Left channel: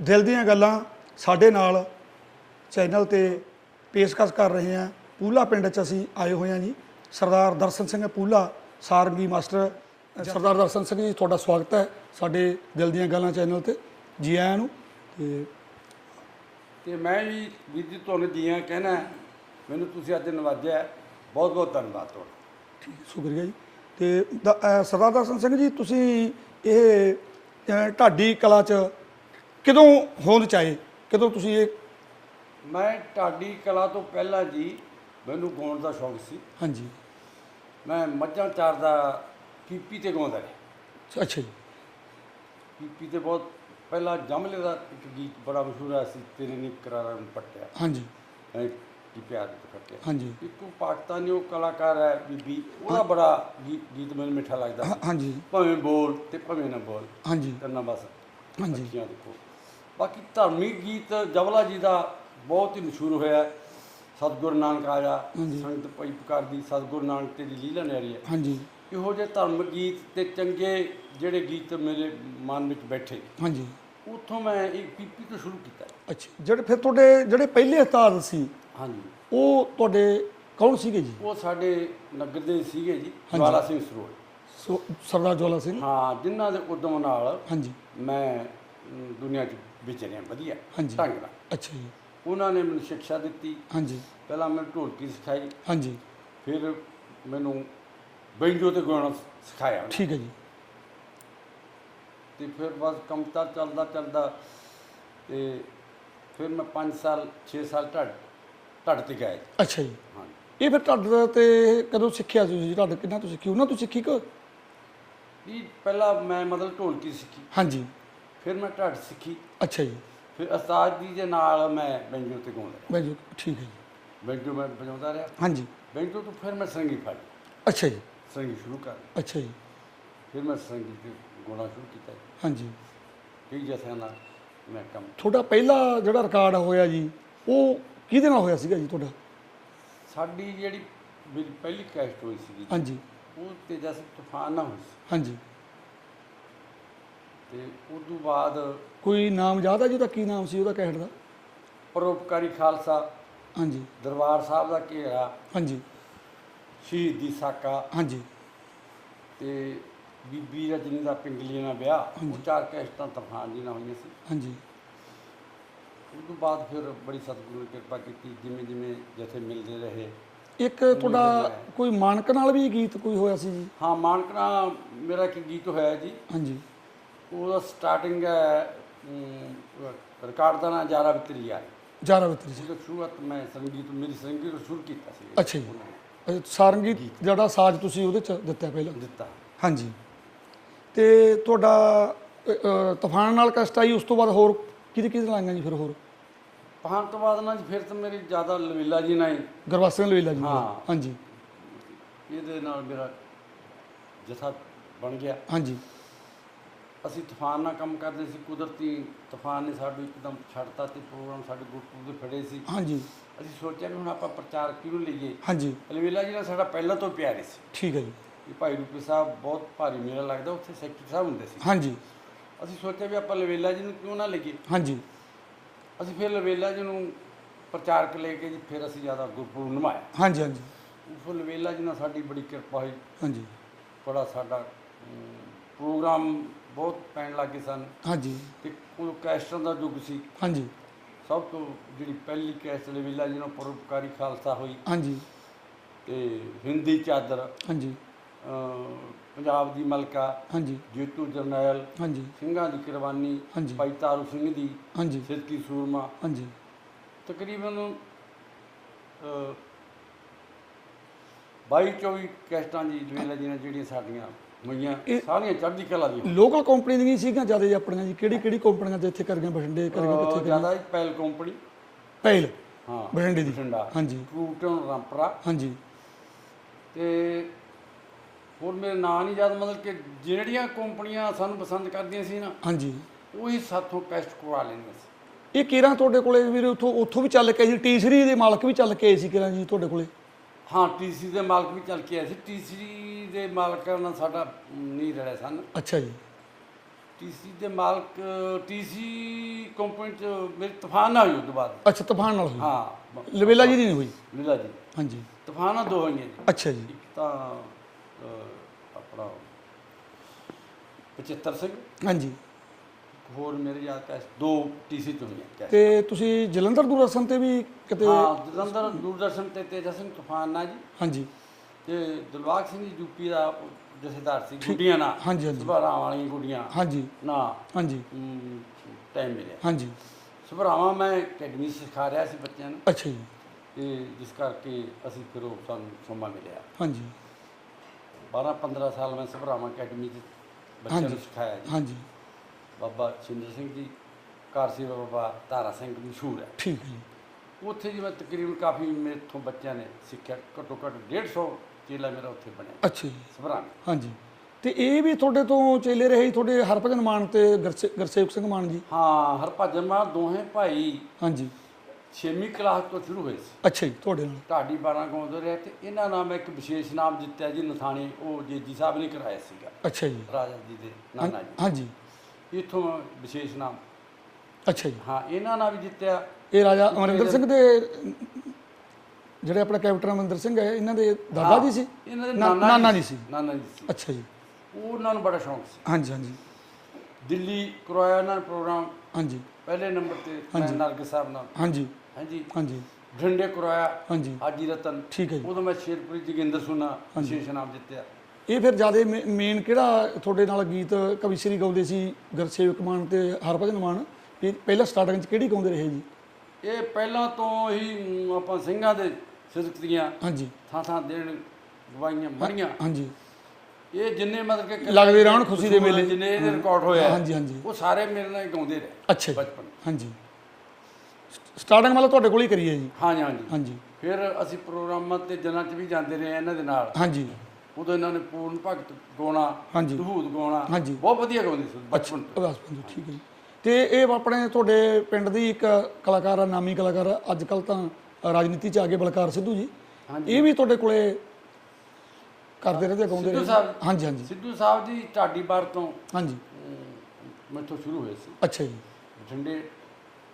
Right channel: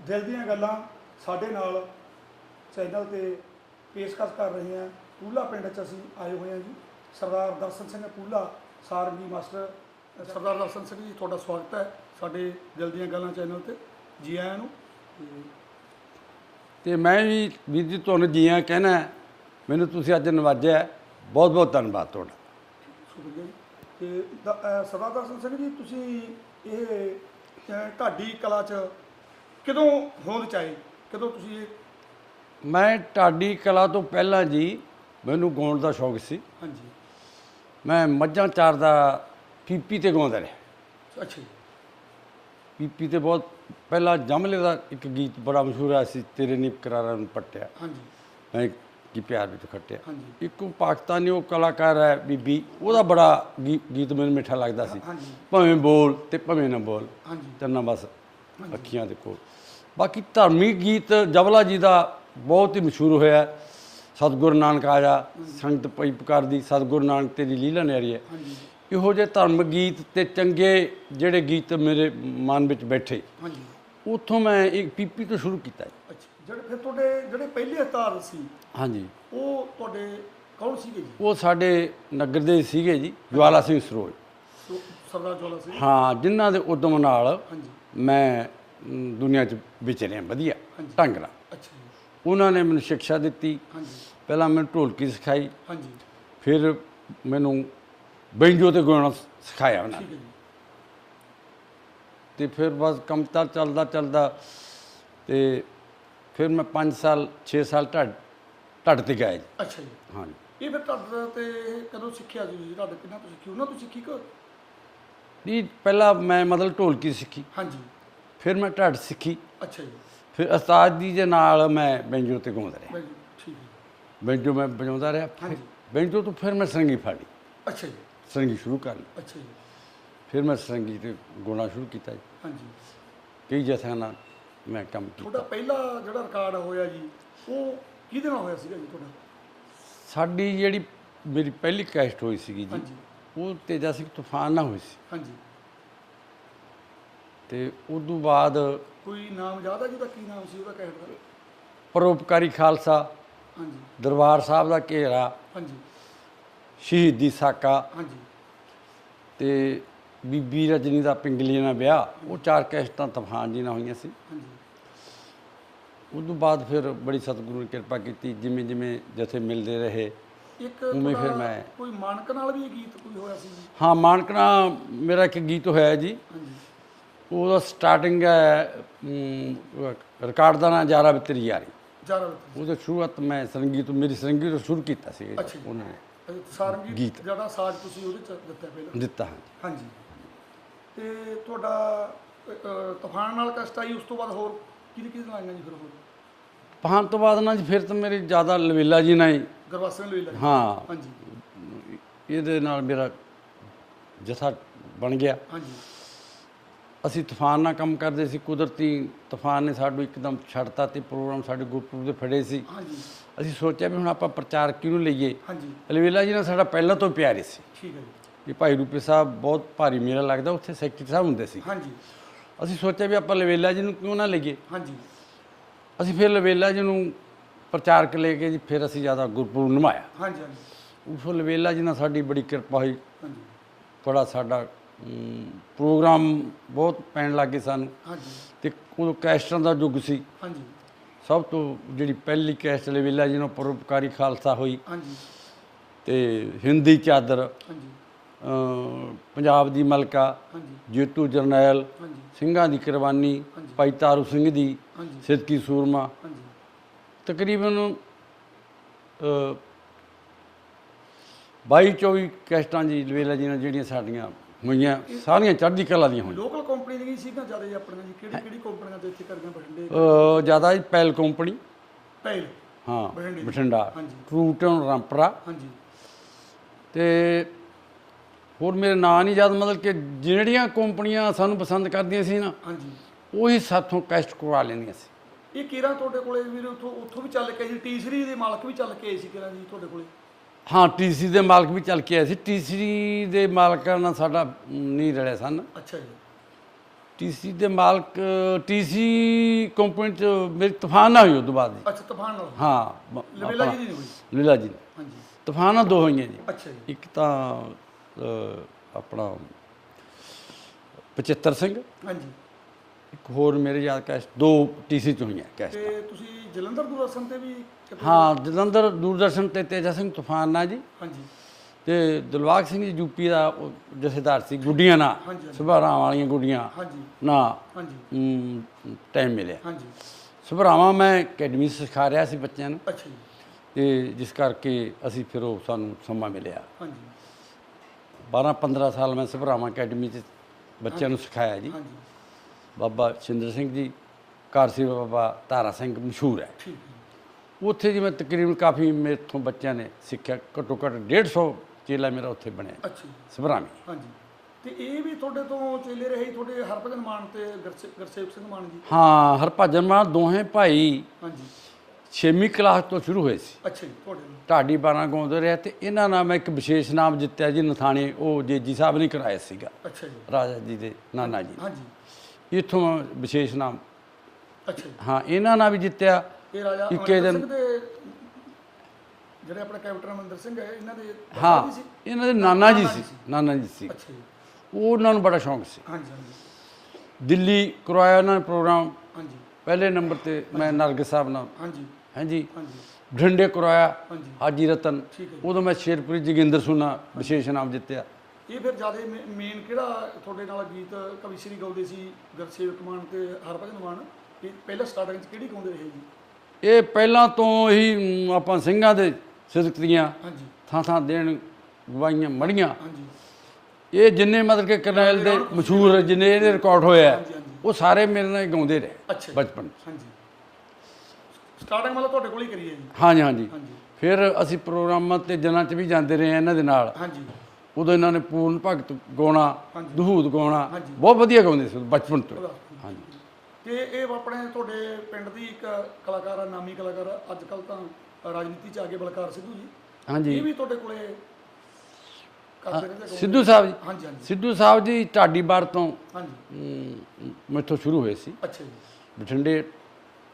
ਦਿਲ ਦੀਆਂ ਗੱਲਾਂ ਸਾਡੇ ਨਾਲ ਚੈਨਲ ਤੇ ਪੇਸ਼ਕਸ਼ ਕਰ ਰਹੇ ਹਾਂ। ਪੂਲਾ ਪਿੰਡ 'ਚ ਅਸੀਂ ਆਏ ਹੋਏ ਹਾਂ ਜੀ। ਸਰਦਾਰ ਦਰਸ਼ਨ ਸਿੰਘ ਪੂਲਾ ਸਾਰੰਗੀ ਮਾਸਟਰ ਸਰਦਾਰ ਦਰਸ਼ਨ ਸਿੰਘ ਜੀ ਤੁਹਾਡਾ ਸਵਾਗਤ ਹੈ ਸਾਡੇ ਦਿਲ ਦੀਆਂ ਗੱਲਾਂ ਚੈਨਲ ਤੇ। ਜੀ ਆਇਆਂ ਨੂੰ। ਤੇ ਤੇ ਮੈਂ ਵੀ ਵੀਰ ਜੀ ਤੁਹਾਨੂੰ ਜੀ ਆਇਆਂ ਕਹਿਣਾ। ਮੈਨੂੰ ਤੁਸੀਂ ਅੱਜ ਨਵਾਜਿਆ ਬਹੁਤ ਬਹੁਤ ਧੰਨਵਾਦ ਤੁਹਾਡਾ। ਸ਼ੁਕਰੀਆ ਜੀ। ਤੇ ਸਰਦਾਰ ਦਰਸ਼ਨ ਸਿੰਘ ਜੀ ਤੁਸੀਂ ਇਹ ਢਾਡੀ ਕਲਾ 'ਚ ਕਦੋਂ ਹੋਂਦ ਚਾਹੇ ਕਦੋਂ ਤੁਸੀਂ ਇਹ ਮੈਂ ਢਾਡੀ ਕਲਾ ਤੋਂ ਪਹਿਲਾਂ ਜੀ ਮੈਨੂੰ ਗਾਉਣ ਦਾ ਸ਼ੌਕ ਸੀ। ਹਾਂਜੀ। ਮੈਂ ਮੱਝਾਂ ਚਾਰਦਾ ਪੀਪੀ ਤੇ ਗਾਉਂਦਾ ਰਿਹਾ। ਅੱਛਾ ਜੀ। ਪੀਪੀ ਤੇ ਬਹੁਤ ਪਹਿਲਾਂ ਜਮਲੇ ਦਾ ਇੱਕ ਗੀਤ ਬੜਾ ਮਸ਼ਹੂਰ ਆ ਸੀ ਤੇਰੇ ਨੀਪ ਕਰਾਰਾਂ ਨੂੰ ਪੱਟਿਆ। ਹਾਂਜੀ। ਮੈਂ ਕੀ ਪਿਆਰ ਵਿੱਚ ਖੱਟਿਆ। ਹਾਂਜੀ। ਇੱਕ ਉਹ ਪਾਕਿਸਤਾਨੀ ਉਹ ਕਲਾਕਾਰ ਹੈ ਬੀਬੀ ਉਹਦਾ ਬੜਾ ਗੀਤ ਮੈਨੂੰ ਮਿੱਠਾ ਲੱਗਦਾ ਸੀ। ਹਾਂਜੀ। ਭਾਵੇਂ ਬੋਲ ਤੇ ਭਾਵੇਂ ਨਾ ਬੋਲ। ਹਾਂਜੀ। ਤੰਨਾ ਬਸ। ਅੱਖੀਆਂ ਦੇਖੋ। ਬਾਕੀ ਧਾਰਮਿਕ ਗੀਤ ਜਵਲਾ ਜੀ ਦਾ ਬਹੁਤ ਹੀ ਮਸ਼ਹੂਰ ਹੋਇਆ ਸਤਿਗੁਰੂ ਨਾਨਕ ਆਇਆ ਸੰਗਤ ਪਈ ਪੁਕਾਰ ਦੀ ਸਤਿਗੁਰੂ ਨਾਨਕ ਤੇਰੀ ਲੀਲਾ ਨਿਆਰੀ ਹੈ। ਹਾਂਜੀ। ਇਹੋ ਜਿਹੇ ਧਰਮ ਗੀਤ ਤੇ ਚੰਗੇ ਜਿਹੜੇ ਗੀਤ ਮੇਰੇ ਮਨ ਵਿੱਚ ਬੈਠੇ। ਹਾਂਜੀ। ਉੱਥੋਂ ਮੈਂ ਇੱਕ ਪੀਪੀ ਤੋਂ ਸ਼ੁਰੂ ਕੀਤਾ ਅੱਛਾ ਜਿਹੜੇ ਫਿਰ ਤੁਹਾਡੇ ਜਿਹੜੇ ਪਹਿਲੇ ਉਸਤਾਦ ਸੀ ਹਾਂਜੀ। ਉਹ ਤੁਹਾਡੇ ਕੌਣ ਸੀਗੇ ਜੀ? ਉਹ ਸਾਡੇ ਨਗਰ ਦੇ ਸੀਗੇ ਜੀ ਜਵਾਲਾ ਸਿੰਘ ਸਰੋਜ ਸਰਦਾਰ ਜਵਾਲਾ ਸਿੰਘ? ਹਾਂ ਜਿਨ੍ਹਾਂ ਦੇ ਉਦਮ ਨਾਲ ਹਾਂਜੀ। ਮ, ਦੁਨੀਆ 'ਚ ਵਿਚਰਿਆ ਵਧੀਆ। ਹਾਂਜੀ। ਢੰਗ ਨਾਲ ਅੱਛਾ ਜੀ। ਉਹਨਾਂ ਨੇ ਮੈਨੂੰ ਸਿੱਖਿਆ ਦਿੱਤੀ। ਹਾਂਜੀ। ਪਹਿਲਾਂ ਮੈਨੂੰ ਢੋਲਕੀ ਸਿਖਾਈ। ਹਾਂਜੀ। ਫਿਰ ਮੈਨੂੰ ਬੈਂਜੋ ਤੇ ਗਾਉਣਾ ਸਿਖਾਇਆ ਉਹਨਾਂ ਠੀਕ ਹੈ ਜੀ। ਤੇ ਫਿਰ ਬਸ ਕੰਮ ਚੱਲ ਚੱਲਦਾ ਚੱਲਦਾ ਤੇ ਫਿਰ ਮੈਂ 5 ਸਾਲ 6 ਸਾਲ ਢੱਡ ਢੱਡ ਤੇ ਗਾਇਆ ਜੀ। ਅੱਛਾ ਜੀ। ਹਾਂਜੀ। ਇਹ ਫਿਰ ਤੁਹਾਡੇ ਤੇ ਕਦੋਂ ਸਿੱਖਿਆ ਸੀ ਤੁਸੀਂ? ਤੁਹਾਡੇ ਕਿੰਨਾ ਤੋਂ ਸਿੱਖੀ? ਉਹਨਾਂ ਤੋਂ ਸਿੱਖੀ ਕਿ? ਨਹੀਂ ਪਹਿਲਾਂ ਮੈਂ ਮਤਲਬ ਢੋਲਕੀ ਸਿੱਖੀ। ਹਾਂਜੀ। ਫਿਰ ਮੈਂ ਢੱਡ ਸਿੱਖੀ। ਅੱਛਾ ਜੀ। ਫਿਰ ਉਸਤਾਦ ਜੀ ਦੇ ਨਾਲ ਮੈਂ ਬੈਂਜੋ ਤੇ ਗਾਉਂਦਾ ਰਿਹਾ। ਮੈਂ ਜੀ ਠੀਕ ਹੈ ਜੀ। ਬੈਂਜੋ ਮੈਂ ਵਜਾਉਂਦਾ ਰਿਹਾ। ਹਾਂਜੀ। ਬੈਂਜੋ ਤੋਂ ਫਿਰ ਮੈਂ ਸੰਗੀ ਫਾੜੀ। ਅੱਛਾ ਜੀ। ਸੰਗੀ ਸ਼ੁਰੂ ਕਰ ਲਈ। ਅੱਛਾ ਜੀ। ਫਿਰ ਮੈਂ ਸੰਗੀ ਤੇ ਗਾਉਣਾ ਸ਼ੁਰੂ ਕੀਤਾ ਜੀ। ਹਾਂਜੀ। ਕਈ ਜਥਿਆਂ ਨਾਲ ਮੈਂ ਕੰਮ। ਤੁਹਾਡਾ ਪਹਿਲਾ ਜਿਹੜਾ ਰਿਕਾਰਡ ਹੋਇਆ ਜੀ ਉਹ ਕਿਹਦੇ ਨਾਲ ਹੋਇਆ ਸੀਗਾ ਜੀ ਤੁਹਾਡਾ? ਸਾਡੀ ਜਿਹੜੀ ਮੇਰੀ ਪਹਿਲੀ ਕੈਸਟ ਹੋਈ ਸੀਗੀ ਜੀ ਹਾਂਜੀ। ਉਹ ਤੇਜਾ ਸਿੰਘ ਤੂਫਾਨ ਨਾਲ ਹੋਈ ਸੀ। ਹਾਂਜੀ। ਤੇ ਉਸ ਤੋਂ ਬਾਅਦ ਕੋਈ ਨਾਮ ਯਾਦ ਆ ਜੀ ਉਹਦਾ? ਕੀ ਨਾਮ ਸੀ ਉਹਦਾ ਕੈਸਟ ਦਾ? ਪਰਉਪਕਾਰੀ ਖਾਲਸਾ ਹਾਂਜੀ। ਦਰਬਾਰ ਸਾਹਿਬ ਦਾ ਘੇਰਾ ਹਾਂਜੀ। ਸ਼ਹੀਦੀ ਸਾਕਾ ਹਾਂਜੀ। ਤੇ ਬੀਬੀ ਰਜਨੀ ਦਾ ਪਿੰਗਲੀ ਨਾਲ ਵਿਆਹ ਉਹ ਚਾਰ ਕੈਸਟਾਂ ਤੂਫਾਨ ਜੀ ਨਾਲ ਹੋਈਆਂ ਸੀ। ਹਾਂਜੀ। ਉਸ ਤੋਂ ਬਾਅਦ ਫਿਰ ਬੜੀ ਸਤਿਗੁਰੂ ਨੇ ਕਿਰਪਾ ਕੀਤੀ ਜਿਵੇਂ ਜਿਵੇਂ ਜਥੇ ਮਿਲਦੇ ਰਹੇ ਇੱਕ ਤੁਹਾਡਾ ਕੋਈ ਮਾਨਕ ਨਾਲ ਵੀ ਗੀਤ ਕੋਈ ਹੋਇਆ ਸੀ ਜੀ? ਹਾਂ ਮਾਨਕਣਾ ਮੇਰਾ ਇੱਕ ਗੀਤ ਹੋਇਆ ਜੀ। ਹਾਂਜੀ। ਉਹਦਾ ਸਟਾਰਟਿੰਗ ਹੈ ਰਿਕਾਰਡ ਦਾ ਨਾਂ ਜਾਰਾ ਬਿਤਰੀ ਯਾਰੀ ਜਾਰਾ ਬਿੱਤਰ ਜੀ ਉਹਦਾ ਸ਼ੁਰੂਆਤ ਮੈਂ ਸੰਗੀਤ ਮੇਰੀ ਸੰਗੀਤ ਤੋਂ ਸ਼ੁਰੂ ਕੀਤਾ ਸੀ ਅੱਛਾ। ਉਹਨੇ। ਸਾਰੰਗੀ ਜਿਹੜਾ ਸਾਜ਼ ਤੁਸੀਂ ਉਹਦੇ ਚ ਦਿੱਤਾ ਪਹਿਲਾਂ? ਦਿੱਤਾ। ਹਾਂਜੀ। ਤੇ ਤੁਹਾਡਾ ਤੂਫਾਨ ਨਾਲ ਕਸ਼ਟ ਆਈ ਉਸ ਤੋਂ ਬਾਅਦ ਹੋਰ ਕਿਹਦੇ ਕਿਹਦੇ ਲਾਈਆਂ ਜੀ ਫਿਰ ਹੋਰ? ਪਹਾਣ ਤੋਂ ਬਾਅਦ ਨਾ ਜੀ ਫਿਰ ਤਾਂ ਮੇਰੀ ਜ਼ਿਆਦਾ ਲਵੇਲਾ ਜੀ ਨਾਲ ਹੀ। ਗਰਵਾਸੇ ਨਾਲ ਵੇਲਾ ਜੀ। ਹਾਂ। ਹਾਂਜੀ। ਇਹਦੇ ਨਾਲ ਮੇਰਾ ਜਥਾ ਬਣ ਗਿਆ। ਹਾਂਜੀ। ਅਸੀਂ ਤੂਫਾਨ ਨਾਲ ਕੰਮ ਕਰਦੇ ਸੀ ਕੁਦਰਤੀ ਤੂਫਾਨ ਨੇ ਸਾਨੂੰ ਇੱਕਦਮ ਛੱਡਤਾ ਤੇ ਪ੍ਰੋਗਰਾਮ ਸਾਡੇ ਗੁਰਪੁਰਬ ਦੇ ਫੜੇ ਸੀ। ਹਾਂਜੀ। ਅਸੀਂ ਸੋਚਿਆ ਵੀ ਹੁਣ ਆਪਾਂ ਪ੍ਰਚਾਰ ਕਿਹਨੂੰ ਲਈਏ? ਹਾਂਜੀ। ਲਵੇਲਾ ਜੀ ਨਾਲ ਸਾਡਾ ਪਹਿਲਾਂ ਤੋਂ ਪਿਆਰੇ ਸੀ। ਠੀਕ ਹੈ ਜੀ। ਵੀ ਭਾਈ ਰੂਪੇ ਸਾਹਿਬ ਬਹੁਤ ਭਾਰੀ ਮੇਰਾ ਲੱਗਦਾ ਉੱਥੇ ਸੈਕਟਰੀ ਸਾਹਿਬ ਹੁੰਦੇ ਸੀ। ਹਾਂਜੀ। ਅਸੀਂ ਸੋਚਿਆ ਵੀ ਆਪਾਂ ਲਵੇਲਾ ਜੀ ਨੂੰ ਕਿਉਂ ਨਾ ਲਈਏ? ਹਾਂਜੀ। ਅਸੀਂ ਫਿਰ ਲਵੇਲਾ ਜੀ ਨੂੰ ਪ੍ਰਚਾਰਕ ਲੈ ਕੇ ਜੀ ਫਿਰ ਅਸੀਂ ਜ਼ਿਆਦਾ ਗੁਰਪੁਰਬ ਨਿਭਾਇਆ। ਹਾਂਜੀ ਹਾਂਜੀ। ਉਸ ਲਵੇਲਾ ਜੀ ਨਾਲ ਸਾਡੀ ਬੜੀ ਕਿਰਪਾ ਹੋਈ। ਹਾਂਜੀ। ਬੜਾ ਸਾਡਾ ਪ੍ਰੋਗਰਾਮ ਬਹੁਤ ਪੈਣ ਲੱਗੇ ਸਨ। ਹਾਂਜੀ। ਤੇ ਉਦੋਂ ਕੈਸਟਾਂ ਦਾ ਯੁੱਗ ਸੀ। ਹਾਂਜੀ। ਸਭ ਤੋਂ ਜਿਹੜੀ ਪਹਿਲੀ ਕੈਸਟ ਲਵੇਲਾ ਜੀ ਨੂੰ ਪਰਉਪਕਾਰੀ ਖਾਲਸਾ ਹੋਈ। ਹਾਂਜੀ। ਤੇ ਹਿੰਦੀ ਚਾਦਰ। ਹਾਂਜੀ। ਪੰਜਾਬ ਦੀ ਮਲਕਾ। ਹਾਂਜੀ। ਜੇਤੂ ਜਰਨੈਲ। ਹਾਂਜੀ। ਸਿੰਘਾਂ ਦੀ ਕੁਰਬਾਨੀ। ਹਾਂਜੀ। ਭਾਈ ਤਾਰੂ ਸਿੰਘ ਦੀ। ਹਾਂਜੀ। ਸਿੱਧਕੀ ਸੂਰਮਾ। ਹਾਂਜੀ। ਤਕਰੀਬਨ ਅ 22 24 ਕੈਸਟਾਂ ਜੀ ਲਵੇਲਾ ਜੀ ਨਾਲ ਜਿਹੜੀਆਂ ਸਾਡੀਆਂ ਹੋਈਆਂ ਸਾਰੀਆਂ ਚੜ੍ਹਦੀ ਕਲਾ ਦੀਆਂ ਲੋਕਲ ਕੰਪਨੀ ਦੀਆਂ ਸੀਗੀਆਂ ਜ਼ਿਆਦਾ ਜੀ ਆਪਣੀਆਂ ਜੀ? ਕਿਹੜੀ ਕਿਹੜੀ ਕੰਪਨੀਆਂ ਦੇ ਇੱਥੇ ਕਰੀਆਂ ਬਠਿੰਡੇ? ਜ਼ਿਆਦਾ ਜੀ ਪੈਲ ਕੰਪਨੀ ਪਹਿਲ ਹਾਂ ਬਠਿੰਡੇ ਬਠਿੰਡਾ। ਹਾਂਜੀ। ਕਰੂਟਨ ਰਾਮਪਰਾ। ਹਾਂਜੀ। ਤੇ ਹੋਰ ਮੇਰੇ ਨਾਂ ਨਹੀਂ ਯਾਦ ਮਤਲਬ ਕਿ ਜਿਹੜੀਆਂ ਕੰਪਨੀਆਂ ਸਾਨੂੰ ਪਸੰਦ ਕਰਦੀਆਂ ਸੀ ਨਾ ਹਾਂਜੀ। ਉਹੀ ਸਾਥੋਂ ਕੈਸਟ ਕਰਵਾ ਲੈਂਦੀਆਂ ਸੀ। ਇਹ ਕਿਰਾਂ ਤੁਹਾਡੇ ਕੋਲੇ ਵੀਰੇ ਉੱਥੋਂ ਉੱਥੋਂ ਵੀ ਚੱਲ ਕੇ ਸੀ? ਟੀਸਰੀ ਦੇ ਮਾਲਕ ਵੀ ਚੱਲ ਕੇ ਆਏ ਸੀ ਕਿਰਾਂ ਜੀ ਤੁਹਾਡੇ ਕੋਲੇ? ਹਾਂ ਟੀਸੀ ਦੇ ਮਾਲਕ ਵੀ ਚੱਲ ਕੇ ਆਏ ਸੀ। ਟੀਸੀ ਦੇ ਮਾਲਕਾਂ ਨਾਲ ਸਾਡਾ ਨਹੀਂ ਰਲਿਆ ਸਨ। ਅੱਛਾ ਜੀ। ਟੀਸੀ ਦੇ ਮਾਲਕ ਟੀਸੀ ਕੰਪਨੀ ਚ ਮੇਰੀ ਤੂਫਾਨ ਨਾ ਹੋਈ ਉਸ ਤੋਂ ਬਾਅਦ। ਅੱਛਾ ਤੂਫਾਨ ਨਾਲ। ਹਾਂ। ਲਵੇਲਾ ਜੀ ਦੀ ਨਹੀਂ ਹੋਈ? ਲੀਲਾ ਜੀ ਹਾਂਜੀ। ਤੂਫਾਨਾਂ ਦੋ ਹੋਈਆਂ ਜੀ। ਅੱਛਾ ਜੀ। ਇੱਕ ਤਾਂ ਆਪਣਾ ਬਚਿੱਤਰ ਸਿੰਘ। ਹਾਂਜੀ। ਹੋਰ ਮੇਰੇ ਯਾਦ ਕੈਸ਼ ਦੋ ਟੀਸੀ ਚ ਹੋਈਆਂ ਕੈਸ਼ ਤੇ ਤੁਸੀਂ ਜਲੰਧਰ ਦੂਰਦਰਸ਼ਨ ਤੇ ਵੀ ਕਿਤੇ ਹਾਂ ਜਲੰਧਰ ਦੂਰਦਰਸ਼ਨ ਤੇ ਤੇਜਾ ਸਿੰਘ ਤੂਫਾਨ ਨਾਲ ਜੀ। ਹਾਂਜੀ। ਤੇ ਦਿਲਬਾਗ ਸਿੰਘ ਜੀ ਯੂਪੀ ਦਾ ਜਥੇਦਾਰ ਸੀ ਗੁੱਡੀਆਂ ਨਾਲ ਹਾਂਜੀ। ਸੁਭਾਰਾਂ ਵਾਲੀਆਂ ਗੁੱਡੀਆਂ ਹਾਂਜੀ। ਨਾ ਹਾਂਜੀ। ਟਾਈਮ ਮਿਲਿਆ। ਹਾਂਜੀ। ਸੁਭਰਾਵਾਂ ਮੈਂ ਅਕੈਡਮੀ ਸਿਖਾ ਰਿਹਾ ਸੀ ਬੱਚਿਆਂ ਨੂੰ। ਅੱਛਾ ਜੀ। ਤੇ ਜਿਸ ਕਰਕੇ ਅਸੀਂ ਫਿਰ ਉਹ ਸਾਨੂੰ ਸਮਾਂ ਮਿਲਿਆ। ਹਾਂਜੀ। 12 15 ਸਾਲ ਮੈਂ ਸੁਭਰਾਵਾਂ ਅਕੈਡਮੀ 'ਚ ਬੱਚਿਆਂ ਨੂੰ ਸਿਖਾਇਆ ਜੀ। ਹਾਂਜੀ। ਬਾਬਾ ਸ਼ਿੰਦਰ ਸਿੰਘ ਜੀ ਕਾਰਸੀ ਬਾਬਾ ਤਾਰਾ ਸਿੰਘ ਮਸ਼ਹੂਰ ਹੈ। ਠੀਕ ਹੈ ਉੱਥੇ ਜੀ ਮੈਂ ਤਕਰੀਬਨ ਕਾਫੀ ਮੇਥੋਂ ਬੱਚਿਆਂ ਨੇ ਸਿੱਖਿਆ ਘੱਟੋ ਘੱਟ 150 ਚੇਲਾ ਮੇਰਾ ਉੱਥੇ ਬਣਿਆ ਅੱਛਾ ਜੀ। ਸੁਭਰਾਵਾਂ ਹਾਂਜੀ। ਤੇ ਇਹ ਵੀ ਤੁਹਾਡੇ ਤੋਂ ਚੇਲੇ ਰਹੇ ਤੁਹਾਡੇ ਹਰਭਜਨ ਮਾਨ ਤੇ ਗੁਰਸੇ- ਗੁਰਸੇਵਕ ਸਿੰਘ ਮਾਨ ਜੀ? ਹਾਂ ਹਰਭਜਨ ਮਾਨ ਦੋਹੇ ਭਾਈ ਹਾਂਜੀ। ਛੇਵੀਂ ਕਲਾਸ ਤੋਂ ਸ਼ੁਰੂ ਹੋਏ ਸੀ। ਅੱਛਾ ਜੀ ਤੁਹਾਡੇ ਨਾਲ। ਢਾਡੀ ਬਾਰਾਂ ਗਾਉਂਦੇ ਰਹੇ ਤੇ ਇਹਨਾਂ ਨਾਲ ਮੈਂ ਇੱਕ ਵਿਸ਼ੇਸ਼ ਨਾਮ ਜਿੱਤਿਆ ਜੀ ਨਥਾਣੇ ਉਹ ਜੇਜੀ ਸਾਹਿਬ ਨੇ ਕਰਾਇਆ ਸੀਗਾ। ਅੱਛਾ ਜੀ। ਰਾਜਾ ਜੀ ਦੇ ਨਾਨਾ ਜੀ। ਹਾਂਜੀ। ਇੱਥੋਂ ਵਿਸ਼ੇਸ਼ ਨਾਮ। ਅੱਛਾ ਜੀ। ਹਾਂ ਇਹਨਾਂ ਨਾਲ ਵੀ ਜਿੱਤਿਆ। ਇਹ ਰਾਜਾ ਅਮਰਿੰਦਰ ਸਿੰਘ ਦੇ ਜਿਹੜੇ ਆਪਣਾ ਕੈਪਟਨ ਅਮਰਿੰਦਰ ਸਿੰਘ ਹੈ ਇਹਨਾਂ ਦੇ ਦਾਦਾ ਜੀ ਸੀ? ਇਹਨਾਂ ਦੇ ਨਾਨਾ ਜੀ ਸੀ। ਨਾਨਾ ਜੀ ਸੀ। ਅੱਛਾ ਜੀ। ਉਹ ਉਹਨਾਂ ਨੂੰ ਬੜਾ ਸ਼ੌਂਕ ਸੀ। ਹਾਂਜੀ ਹਾਂਜੀ। ਦਿੱਲੀ ਕਰਵਾਇਆ ਉਹਨਾਂ ਨੇ ਪ੍ਰੋਗਰਾਮ। ਹਾਂਜੀ। ਪਹਿਲੇ ਨੰਬਰ ਤੇ ਮੈਂ ਨਰਗਸ ਸਾਹਿਬ ਨਾਲ। ਹਾਂਜੀ। ਹਾਂਜੀ। ਹਾਂਜੀ। ਬਠਿੰਡੇ ਕਰਵਾਇਆ। ਹਾਂਜੀ। ਹਾਜੀ ਰਤਨ। ਠੀਕ ਹੈ ਉਦੋਂ ਮੈਂ ਸ਼ੇਰਪੁਰੀ ਜੋਗਿੰਦਰ ਸੁਨਾ ਵਿਸ਼ੇਸ਼ ਨਾਮ ਜਿੱਤਿਆ। ਇਹ ਫਿਰ ਜ਼ਿਆਦਾ ਮੇਨ ਕਿਹੜਾ ਤੁਹਾਡੇ ਨਾਲ ਗੀਤ ਕਵਿਸ਼ਰੀ ਗਾਉਂਦੇ ਸੀ ਗੁਰਸੇਵਕ ਮਾਨ ਤੇ ਹਰਭਜਨ ਮਾਨ? ਇਹ ਪਹਿਲਾਂ ਸਟਾਰਟਿੰਗ ਚ ਕਿਹੜੀ ਗਾਉਂਦੇ ਰਹੇ ਜੀ? ਇਹ ਪਹਿਲਾਂ ਤੋਂ ਹੀ ਆਪਾਂ ਸਿੰਘਾਂ ਦੇ ਸਿਰਕਤੀਆਂ ਹਾਂਜੀ। ਥਾਂ ਥਾਂ ਦੇਣ ਗਵਾਈਆਂ ਮੜੀਆਂ ਹਾਂਜੀ। ਇਹ ਜਿੰਨੇ ਮਤਲਬ ਕਿ ਕਲਾਕਾਰ ਰਹਿਣ ਖੁਸ਼ੀ ਮਸ਼ਹੂਰ ਜਿੰਨੇ ਇਹਦੇ ਰਿਕਾਰਡ ਹੋਇਆ ਉਹ ਸਾਰੇ ਮੇਰੇ ਨਾਲ ਗਾਉਂਦੇ ਰਹੇ ਅੱਛਾ ਬਚਪਨ ਹਾਂਜੀ। ਸਟਾਰਟਿੰਗ ਮਤਲਬ ਤੁਹਾਡੇ ਕੋਲ ਹੀ ਕਰੀ ਹੈ ਜੀ। ਹਾਂਜੀ ਹਾਂਜੀ। ਹਾਂਜੀ। ਫਿਰ ਅਸੀਂ ਪ੍ਰੋਗਰਾਮਾਂ ਤੇ ਜਨਾਂ 'ਚ ਵੀ ਜਾਂਦੇ ਰਹੇ ਹਾਂ ਇਹਨਾਂ ਦੇ ਨਾਲ। ਹਾਂਜੀ। ਉਦੋਂ ਇਹਨਾਂ ਨੇ ਪੂਰਨ ਭਗਤ ਗਾਉਣਾ ਹਾਂਜੀ। ਦਹੂਦ ਗਾਉਣਾ ਹਾਂਜੀ। ਬਹੁਤ ਵਧੀਆ ਗਾਉਂਦੇ ਸੀ ਬਚਪਨ ਤੋਂ। ਉਦਾਸ ਬੰਦੇ, ਠੀਕ ਹੈ। ਜੀ। ਤੇ ਇਹ ਆਪਣੇ ਤੁਹਾਡੇ ਪਿੰਡ ਦੀ ਇੱਕ ਕਲਾਕਾਰ ਆ ਨਾਮੀ ਕਲਾਕਾਰ ਆ, ਅੱਜ ਕੱਲ ਤਾਂ ਰਾਜਨੀਤੀ ਚ ਆ ਗਏ ਬਲਕਾਰ ਸਿੱਧੂ ਜੀ। ਹਾਂਜੀ। ਇਹ ਵੀ ਤੁਹਾਡੇ ਕੋਲੇ ਕਰਦੇ ਰਹਿੰਦੇ ਗਾਉਂਦੇ ਸਿੱਧੂ ਸਾਹਿਬ ਜੀ। ਹਾਂਜੀ ਹਾਂਜੀ। ਸਿੱਧੂ ਸਾਹਿਬ ਜੀ ਢਾਡੀ ਬਾਰ ਤੋਂ ਹਾਂਜੀ। ਅਮ, ਮੈਥੋਂ ਸ਼ੁਰੂ ਹੋਏ ਸੀ। ਅੱਛਾ ਜੀ। ਬਠਿੰਡੇ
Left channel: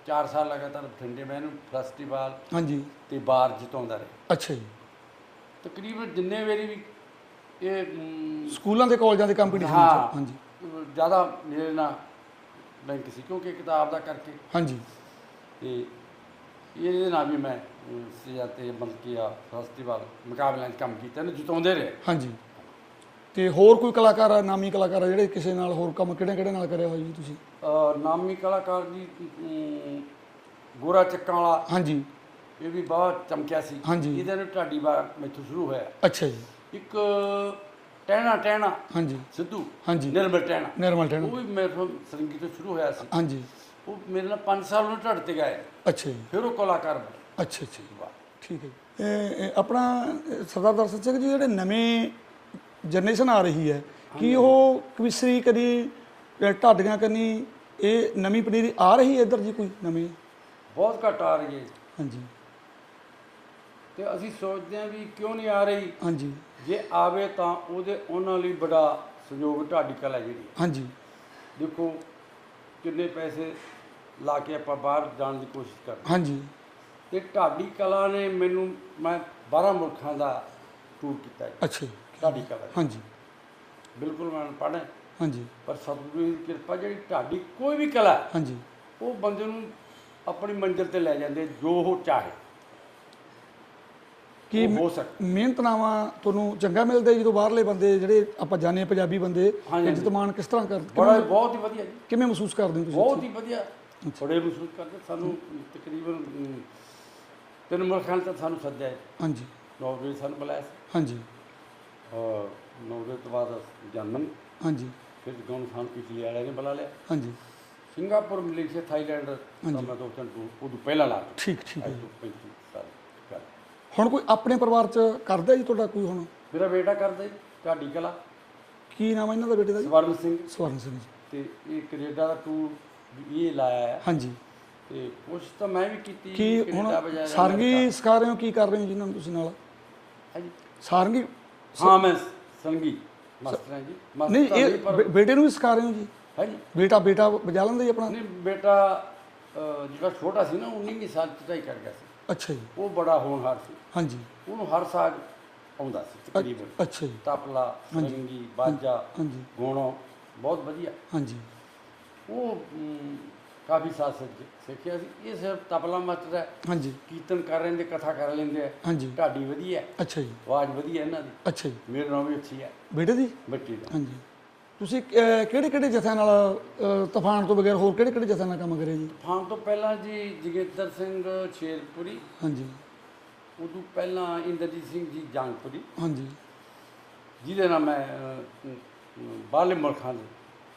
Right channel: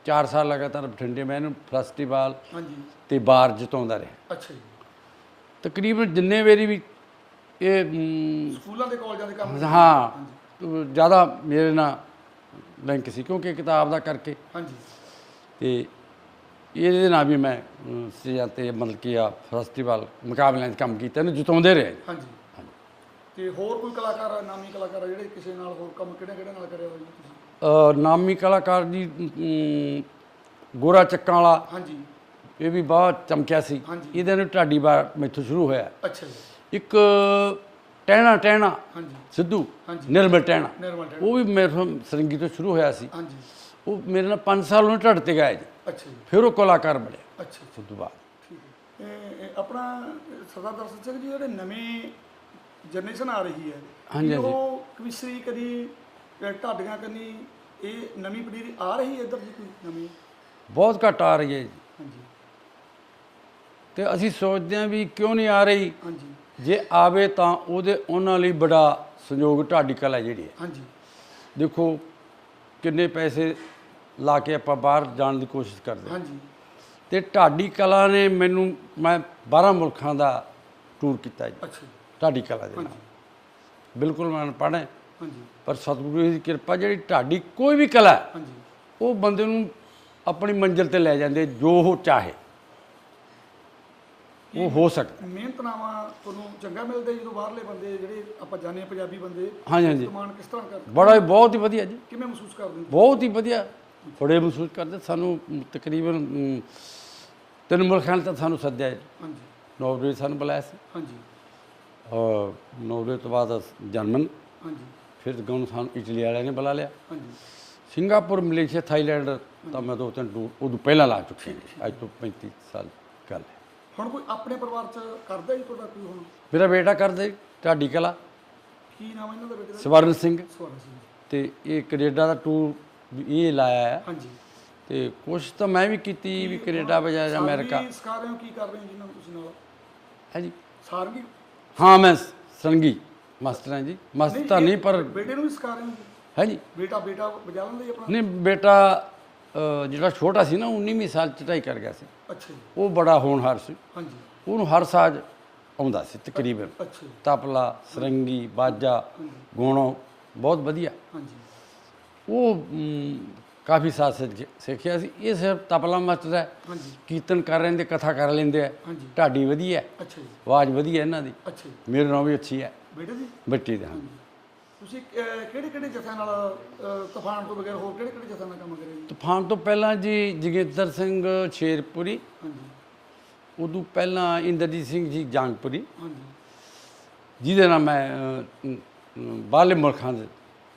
4 ਸਾਲ ਲਗਾਤਾਰ ਬਠਿੰਡੇ ਮੈਂ ਇਹਨੂੰ ਫੈਸਟੀਵਲ ਹਾਂਜੀ। ਤੇ ਬਾਰ ਜਿਤਾਉਂਦਾ ਰਿਹਾ। ਅੱਛਾ ਜੀ। ਤਕਰੀਬਨ ਜਿੰਨੇ ਵਾਰੀ ਵੀ ਇਹ ਸਕੂਲਾਂ ਦੇ ਕਾਲਜਾਂ ਦੇ ਕੰਪੀਟੀਸ਼ਨ ਹਾਂ ਹਾਂਜੀ। ਜ਼ਿਆਦਾ ਮੇਰੇ ਨਾਲ ਲਿੰਕ ਸੀ ਕਿਉਂਕਿ ਕਿਤਾਬ ਦਾ ਕਰਕੇ। ਹਾਂਜੀ। ਤੇ ਇਹਦੇ ਨਾਲ ਵੀ ਮੈਂ ਸਿਆ ਤੇ ਮਤਲਬ ਕਿ ਆ ਫੈਸਟੀਵਲ ਮੁਕਾਬਲਿਆਂ 'ਚ ਕੰਮ ਕੀਤਾ ਇਹਨੂੰ ਜਿਤਾਉਂਦੇ ਰਹੇ। ਹਾਂਜੀ। ਤੇ ਹੋਰ ਕੋਈ ਕਲਾਕਾਰ ਆ ਨਾਮੀ ਕਲਾਕਾਰ ਆ ਜਿਹੜੇ ਕਿਸੇ ਨਾਲ ਹੋਰ ਕੰਮ ਕਿਹੜੇ ਕਿਹੜੇ ਨਾਲ ਕਰਿਆ ਹੋਇਆ ਜੀ ਤੁਸੀਂ? ਅ, ਨਾਮੀ ਕਲਾਕਾਰ ਜੀ ਗੋਰਾ ਚੱਕਾਂ ਵਾਲਾ। ਹਾਂਜੀ। ਇਹ ਵੀ ਬਹੁਤ ਚਮਕਿਆ ਸੀ। ਇਹਦੇ ਨੂੰ ਢਾਡੀ ਬਾਰ ਮੈਥੋਂ ਸ਼ੁਰੂ ਹੋਇਆ। ਅੱਛਾ ਜੀ। ਇੱਕ ਟਹਿਣਾ ਟਹਿਣਾ ਹਾਂਜੀ। ਸਿੱਧੂ ਹਾਂਜੀ। ਨਿਰਮਲ ਟਹਿਣਾ। ਨਿਰਮਲ ਟੈਣ ਉਹ ਵੀ ਮੇਰੇ ਤੋਂ ਸਰੰਗੀ ਤੋਂ ਸ਼ੁਰੂ ਹੋਇਆ ਸੀ। ਹਾਂਜੀ। ਉਹ ਮੇਰੇ ਨਾਲ 5 ਸਾਲ ਉਹਨੇ ਢੱਡ ਤੇ ਗਾਇਆ ਜੀ। ਅੱਛਾ ਜੀ। ਫਿਰ ਉਹ ਕਲਾਕਾਰ ਬਣਿਆ ਅੱਛਾ ਅੱਛਾ। ਸਿੱਧੂ ਬਾਅਦ। ਠੀਕ ਹੈ। ਜੀ। ਆਪਣਾ ਸਰਦਾਰ ਦਰਸ਼ਨ ਸਿੰਘ ਜੀ ਜਿਹੜੇ ਨਵੇਂ ਜਨਰੇਸ਼ਨ ਆ ਰਹੀ ਹੈ ਕੀ ਉਹ ਕਵਿਸ਼ਰੀ ਕਦੀ ਢਾਡੀਆਂ ਕਰਨੀ ਇਹ ਨਵੀਂ ਪਨੀਰੀ ਆ ਰਹੀ ਹੈ ਇੱਧਰ ਜੀ ਕੋਈ ਨਵੀਂ? ਬਹੁਤ ਘੱਟ ਆ ਰਹੀ ਹੈ ਜੀ। ਹਾਂਜੀ। ਤੇ ਅਸੀਂ ਸੋਚਦੇ ਹਾਂ ਵੀ ਕਿਉਂ ਨਹੀਂ ਆ ਰਹੀ? ਹਾਂਜੀ। ਜੇ ਆਵੇ ਤਾਂ ਉਹਦੇ ਉਹਨਾਂ ਲਈ ਬੜਾ ਸੰਯੋਗ ਢਾਡੀ ਕਲਾ ਜਿਹੜੀ ਹੈ। ਹਾਂਜੀ। ਦੇਖੋ ਕਿੰਨੇ ਪੈਸੇ ਲਾ ਕੇ ਆਪਾਂ ਬਾਹਰ ਜਾਣ ਦੀ ਕੋਸ਼ਿਸ਼ ਕਰਦੇ। ਹਾਂਜੀ। ਤੇ ਢਾਡੀ ਕਲਾ ਨੇ ਮੈਨੂੰ ਮੈਂ 12 ਮੁਲਕਾਂ ਦਾ ਟੂਰ ਕੀਤਾ ਜੀ। ਅੱਛਾ ਢਾਡੀ ਕਲਾ ਦੇ ਹਾਂਜੀ। ਬਿਲਕੁਲ ਮੈਂ ਪੜ੍ਹਾਂ ਹਾਂਜੀ। ਪਰ ਸਤਿਗੁਰੂ ਦੀ ਕਿਰਪਾ ਜਿਹੜੀ ਢਾਡੀ ਕੋਈ ਵੀ ਕਲਾ ਹਾਂਜੀ। ਉਹ ਬੰਦੇ ਨੂੰ ਆਪਣੀ ਮੰਜ਼ਿਲ ਤੇ ਲੈ ਜਾਂਦੇ ਜੋ ਉਹ ਚਾਹੇ। ਕੀ ਹੋ ਸਕਦਾ। ਮਿਹਨਤਨਾਮਾ ਤੁਹਾਨੂੰ ਚੰਗਾ ਮਿਲਦਾ ਜਦੋਂ ਬਾਹਰਲੇ ਬੰਦੇ ਜਿਹੜੇ ਆਪਾਂ ਜਾਣਦੇ ਹਾਂ ਪੰਜਾਬੀ ਬੰਦੇ। ਇਜ਼ਤਮਾਨ ਕਿਸ ਤਰ੍ਹਾਂ ਕਰਦੇ? ਬੜਾ ਬਹੁਤ ਹੀ ਵਧੀਆ ਜੀ। ਕਿਵੇਂ ਮਹਿਸੂਸ ਕਰਦੇ ਤੁਸੀਂ? ਬਹੁਤ ਹੀ ਵਧੀਆ। ਬੜੇ ਮਹਿਸੂਸ ਕਰਦੇ। ਸਾਨੂੰ ਤਕਰੀਬਨ ਤਿੰਨ ਮੁਲਕਾਂ ਤੱਕ ਸਾਨੂੰ ਸੱਦਿਆ। ਹਾਂਜੀ। ਨੌਰਵੇ ਸਾਨੂੰ ਬੁਲਾਇਆ ਸੀ। ਹਾਂਜੀ। ਔਰ ਨੌਰਵੇ ਤੋਂ ਬਾਅਦ ਜਰਮਨ। ਹਾਂਜੀ। ਫਿਰ ਗਾਉਂ ਸਾਨੂੰ ਇਟਲੀ ਵਾਲਿਆਂ ਨੇ ਬੁਲਾ ਲਿਆ। ਹਾਂਜੀ। ਸਿੰਗਾਪੁਰ ਮਲੇਸ਼ੀਆ ਥਾਈਲੈਂਡ ਤਾਂ ਮੈਂ ਦੋ ਤਿੰਨ ਉਦੋਂ ਪਹਿਲਾਂ ਲਾ ਚੁੱਕਾ। ਠੀਕ ਠੀਕ। ਅੱਜ ਤੋਂ 35 ਸਾਲ ਗੱਲ ਹੈ। ਹੁਣ ਕੋਈ ਆਪਣੇ ਪਰਿਵਾਰ ਚ ਕਰਦਾ ਜੀ ਤੁਹਾਡਾ ਕੋਈ ਹੁਣ? ਮੇਰਾ ਬੇਟਾ ਕਰਦੇ ਢਾਡੀ ਕਲਾ। ਕੀ ਨਾਮ ਹੈ ਇਹਨਾਂ ਦਾ ਬੇਟੇ ਦਾ ਜੀ? ਸਵਰਨ ਸਿੰਘ। ਸਵਰਨ ਸਿੰਘ ਜੀ। ਤੇ ਇਹ ਕੈਨੇਡਾ ਦਾ ਟੂਰ ਇਹ ਲਾਇਆ ਹੈ। ਹਾਂਜੀ। ਤੇ ਕੋਸ਼ਿਸ਼ ਤਾਂ ਮੈਂ ਵੀ ਕੀਤੀ ਵੀ ਕੈਨੇਡਾ ਬਜਾਏ ਅਮਰੀਕਾ। ਸਾਰੰਗੀ ਸਿਖਾ ਰਹੇ ਹੋ ਕੀ ਕਰ ਰਹੇ ਹੋ ਜਿਨ੍ਹਾਂ ਨੂੰ ਤੁਸੀਂ ਨਾਲ? ਹੈ ਜੀ। ਸਾਰੰਗੀ? ਹਾਂ ਮੈਂ ਸੰਗੀ ਮਾਸਟਰ ਹਾਂ ਜੀ। ਮਾਸਟਰ ਤਾਂ ਨਹੀਂ ਪਰ ਬੇਟੇ ਨੂੰ ਵੀ ਸਿਖਾ ਰਹੇ ਹੋ ਜੀ? ਹੈ ਜੀ। ਬੇਟਾ ਬੇਟਾ ਵਜਾ ਲੈਂਦਾ ਜੀ ਆਪਣਾ? ਨਹੀਂ ਬੇਟਾ ਅ, ਜਿਹੜਾ ਛੋਟਾ ਸੀ ਨਾ 19ਵੀਂ ਸਾਲ ਚ ਢਾਈ ਕਰ ਗਿਆ ਸੀ। ਅੱਛਾ ਜੀ। ਉਹ ਬੜਾ ਹੋਣਹਾਰ ਸੀ। ਹਾਂਜੀ। ਉਹਨੂੰ ਹਰ ਸਾਜ਼ ਆਉਂਦਾ ਸੀ ਤਕਰੀਬਨ। ਅੱਛਾ ਜੀ। ਤਬਲਾ ਸਰੰਗੀ ਬਾਜਾ ਗੋਣੋ ਬਹੁਤ ਵਧੀਆ। ਹਾਂਜੀ। ਉਹ ਕਾਫੀ ਸਿੱਖ- ਸਿੱਖਿਆ ਸੀ। ਇਹ ਸਿਰਫ ਤਬਲਾ ਮਸਤਦਾ ਹੈ। ਹਾਂਜੀ। ਕੀਰਤਨ ਕਰ ਲੈਂਦੇ ਕਥਾ ਕਰ ਲੈਂਦੇ ਆ ਹਾਂਜੀ। ਢਾਡੀ ਵਧੀਆ ਅੱਛਾ ਜੀ। ਆਵਾਜ਼ ਵਧੀਆ ਇਹਨਾਂ ਦੀ। ਅੱਛਾ ਜੀ। ਮੇਰੇ ਨਾਲ ਵੀ ਅੱਛੀ ਹੈ। ਬੇਟੇ ਦੀ? ਬੱਟੀ ਦਾ। ਹਾਂਜੀ। ਤੁਸੀਂ ਕਿਹੜੇ ਕਿਹੜੇ ਜਥਿਆਂ ਨਾਲ ਤੂਫਾਨ ਤੋਂ ਬਗੈਰ ਹੋਰ ਕਿਹੜੇ ਕਿਹੜੇ ਜਥਿਆਂ ਨਾਲ ਕੰਮ ਕਰੇ ਜੀ? ਤੂਫਾਨ ਤੋਂ ਪਹਿਲਾਂ ਜੀ ਜਗੇਂਦਰ ਸਿੰਘ ਸ਼ੇਰਪੁਰੀ ਹਾਂਜੀ। ਉਦੋਂ ਪਹਿਲਾਂ ਇੰਦਰਜੀਤ ਸਿੰਘ ਜੀ ਜਾਂਗਪੁਰੀ ਹਾਂਜੀ। ਜਿਹਦੇ ਨਾਲ ਮੈਂ ਅ, ਅ, ਬਾਹਰਲੇ ਮੁਲਕਾਂ ਦੇ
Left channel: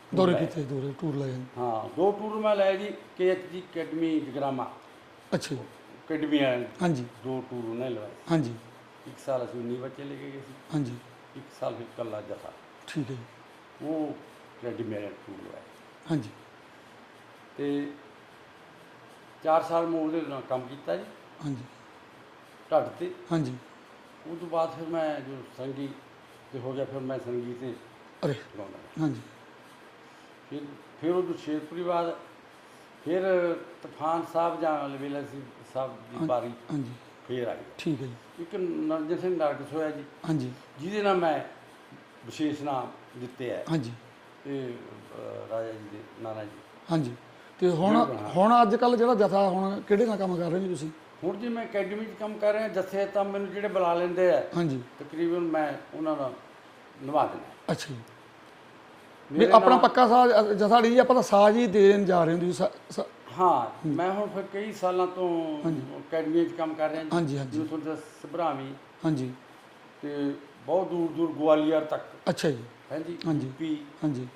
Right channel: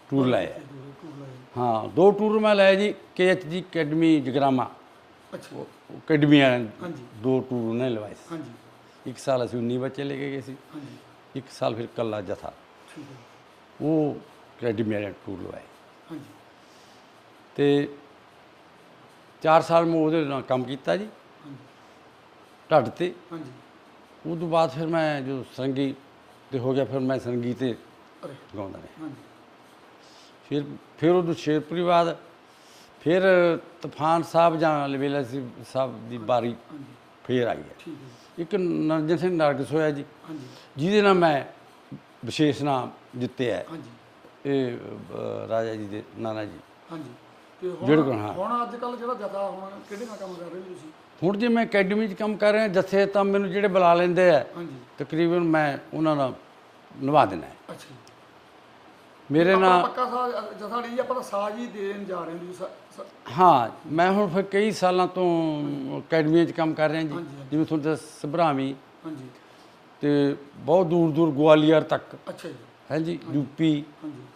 ਟੂਰ ਦੌਰੇ ਲਾਏ। ਕੀਤੇ ਦੂਰ ਟੂਰ ਲਾਏ। ਹਾਂ ਦੋ ਟੂਰ ਮੈਂ ਲਏ ਜੀ ਕੇਐਚਜੀ ਅਕੈਡਮੀ ਜਗਰਾਮਾ। ਅੱਛਾ ਜੀ। ਅਕੈਡਮੀ ਵਾਲਿਆਂ ਨੇ ਹਾਂਜੀ। ਦੋ ਟੂਰ ਨੇ ਲਵਾਏ ਹਾਂਜੀ। ਸੀ। ਇੱਕ ਸਾਲ ਅਸੀਂ 19 ਬੱਚੇ ਲੈ ਕੇ ਗਏ ਸੀ। ਹਾਂਜੀ। ਇੱਕ ਸਾਲ ਫਿਰ ਕੱਲਾ ਜਥਾ। ਠੀਕ ਹੈ ਜੀ। ਉਹ ਵਾਲਿਆਂ ਨੇ ਟੂਰ ਲਵਾਏ। ਹਾਂਜੀ। ਤੇ 4 ਸਾਲ ਮੈਂ ਉਹਦੇ ਨਾਲ ਕੰਮ ਕੀਤਾ ਜੀ। ਹਾਂਜੀ। ਢੱਡ ਤੇ। ਹਾਂਜੀ। ਉਹ ਤੋਂ ਬਾਅਦ ਫਿਰ ਮੈਂ ਜੋ ਸੰਗੀ ਤੇ ਹੋ ਗਿਆ ਫਿਰ ਮੈਂ ਸੰਗੀਤ ਤੇ ਅਰੇ। ਗਾਉਂਦਾ ਰਿਹਾ ਹਾਂਜੀ। ਫਿਰ ਫਿਰ ਉਹ ਸ਼ੇਰਪੁਰੀ ਬਾਅਦ ਫਿਰ ਤੂਫਾਨ ਸਾਹਿਬ ਜਾਂ ਲਵੇਲਾ ਸੀ ਸਾਹਿਬ ਦੀ ਬਾਰੀ ਹਾਂਜੀ। ਫੇਰ ਆਈ ਹੈ। ਠੀਕ ਹੈ ਜੀ। ਇੱਕ ਨਰਜਨ ਸਿੰਘ ਨਰਗਸ ਹੋਇਆ ਜੀ। ਹਾਂਜੀ। ਜਿਹਦੇ ਨਾਲ ਮੈਂ ਵਿਸ਼ੇਸ਼ ਨਾਮ ਜਿੱਤਿਆ ਹੈ। ਹਾਂਜੀ। ਇਹ ਅ, ਰਾਜਾ ਜੀ ਦੇ ਨਾਨਾ ਜੀ। ਹਾਂਜੀ। ਤੇ ਹੁਣ ਬਿਲਕੁਲ, ਹਾਂ। ਹੁਣ ਅੱਜ ਕੱਲ ਜਿਹੜਾ ਜਥਾ ਹੁਣ ਕਿਹੜੇ ਨਾਲ ਕੰਮ ਕਰ ਰਹੇ ਨੇ ਤੁਸੀਂ? ਹੁਣ ਜੇ ਮੈਂ ਅਕੈਡਮੀ 'ਚ ਕੰਮ ਕਰ ਰਿਹਾ ਜੱਥੇ ਤਾਂ ਮੈਨੂੰ ਜਿਹੜੇ ਬੁਲਾ ਲੈਂਦੇ ਆ ਹਾਂਜੀ। ਤਕਰੀਬਨ ਮੈਂ ਉਹਨਾਂ ਨਾਲ ਨਿਭਾ ਦੇਣਾ ਹੈ। ਅੱਛਾ ਜੀ। ਮੇਰੇ ਮੇਰੇ ਆਪਣਾ ਨਾਲ ਪੱਕਾ ਸਾਜ ਜਥਾ ਜੀ ਆਪਾਂ ਤਾਂ ਸਾਜ ਹੀ ਦੇਣ ਜਾ ਰਹੇ ਹਾਂ ਤੁਸੀਂ ਸਾ- ਸਾ- ਹਾਂ ਮੈਂ ਹੁਣ ਫਿਰ ਕਈ ਸਾਲਾਂ ਤੋਂ ਅਕੈਡਮੀ 'ਚ ਕੰਮ ਕਰ ਰਿਹਾ ਜੀ। ਹਾਂਜੀ, ਹਾਂਜੀ। ਜਿਵੇਂ ਤੁਹਾਨੂੰ ਦੱਸ ਸਭਰਾਵੀ। ਹਾਂਜੀ। ਤੇ ਬਹੁਤ ਦੂਰ ਦੂਰ ਗਵਾਲੀਅਰ ਤੱਕ। ਅੱਛਾ ਜੀ। ਹੈ ਜੀ ਯੂਪੀ ਹਾਂਜੀ।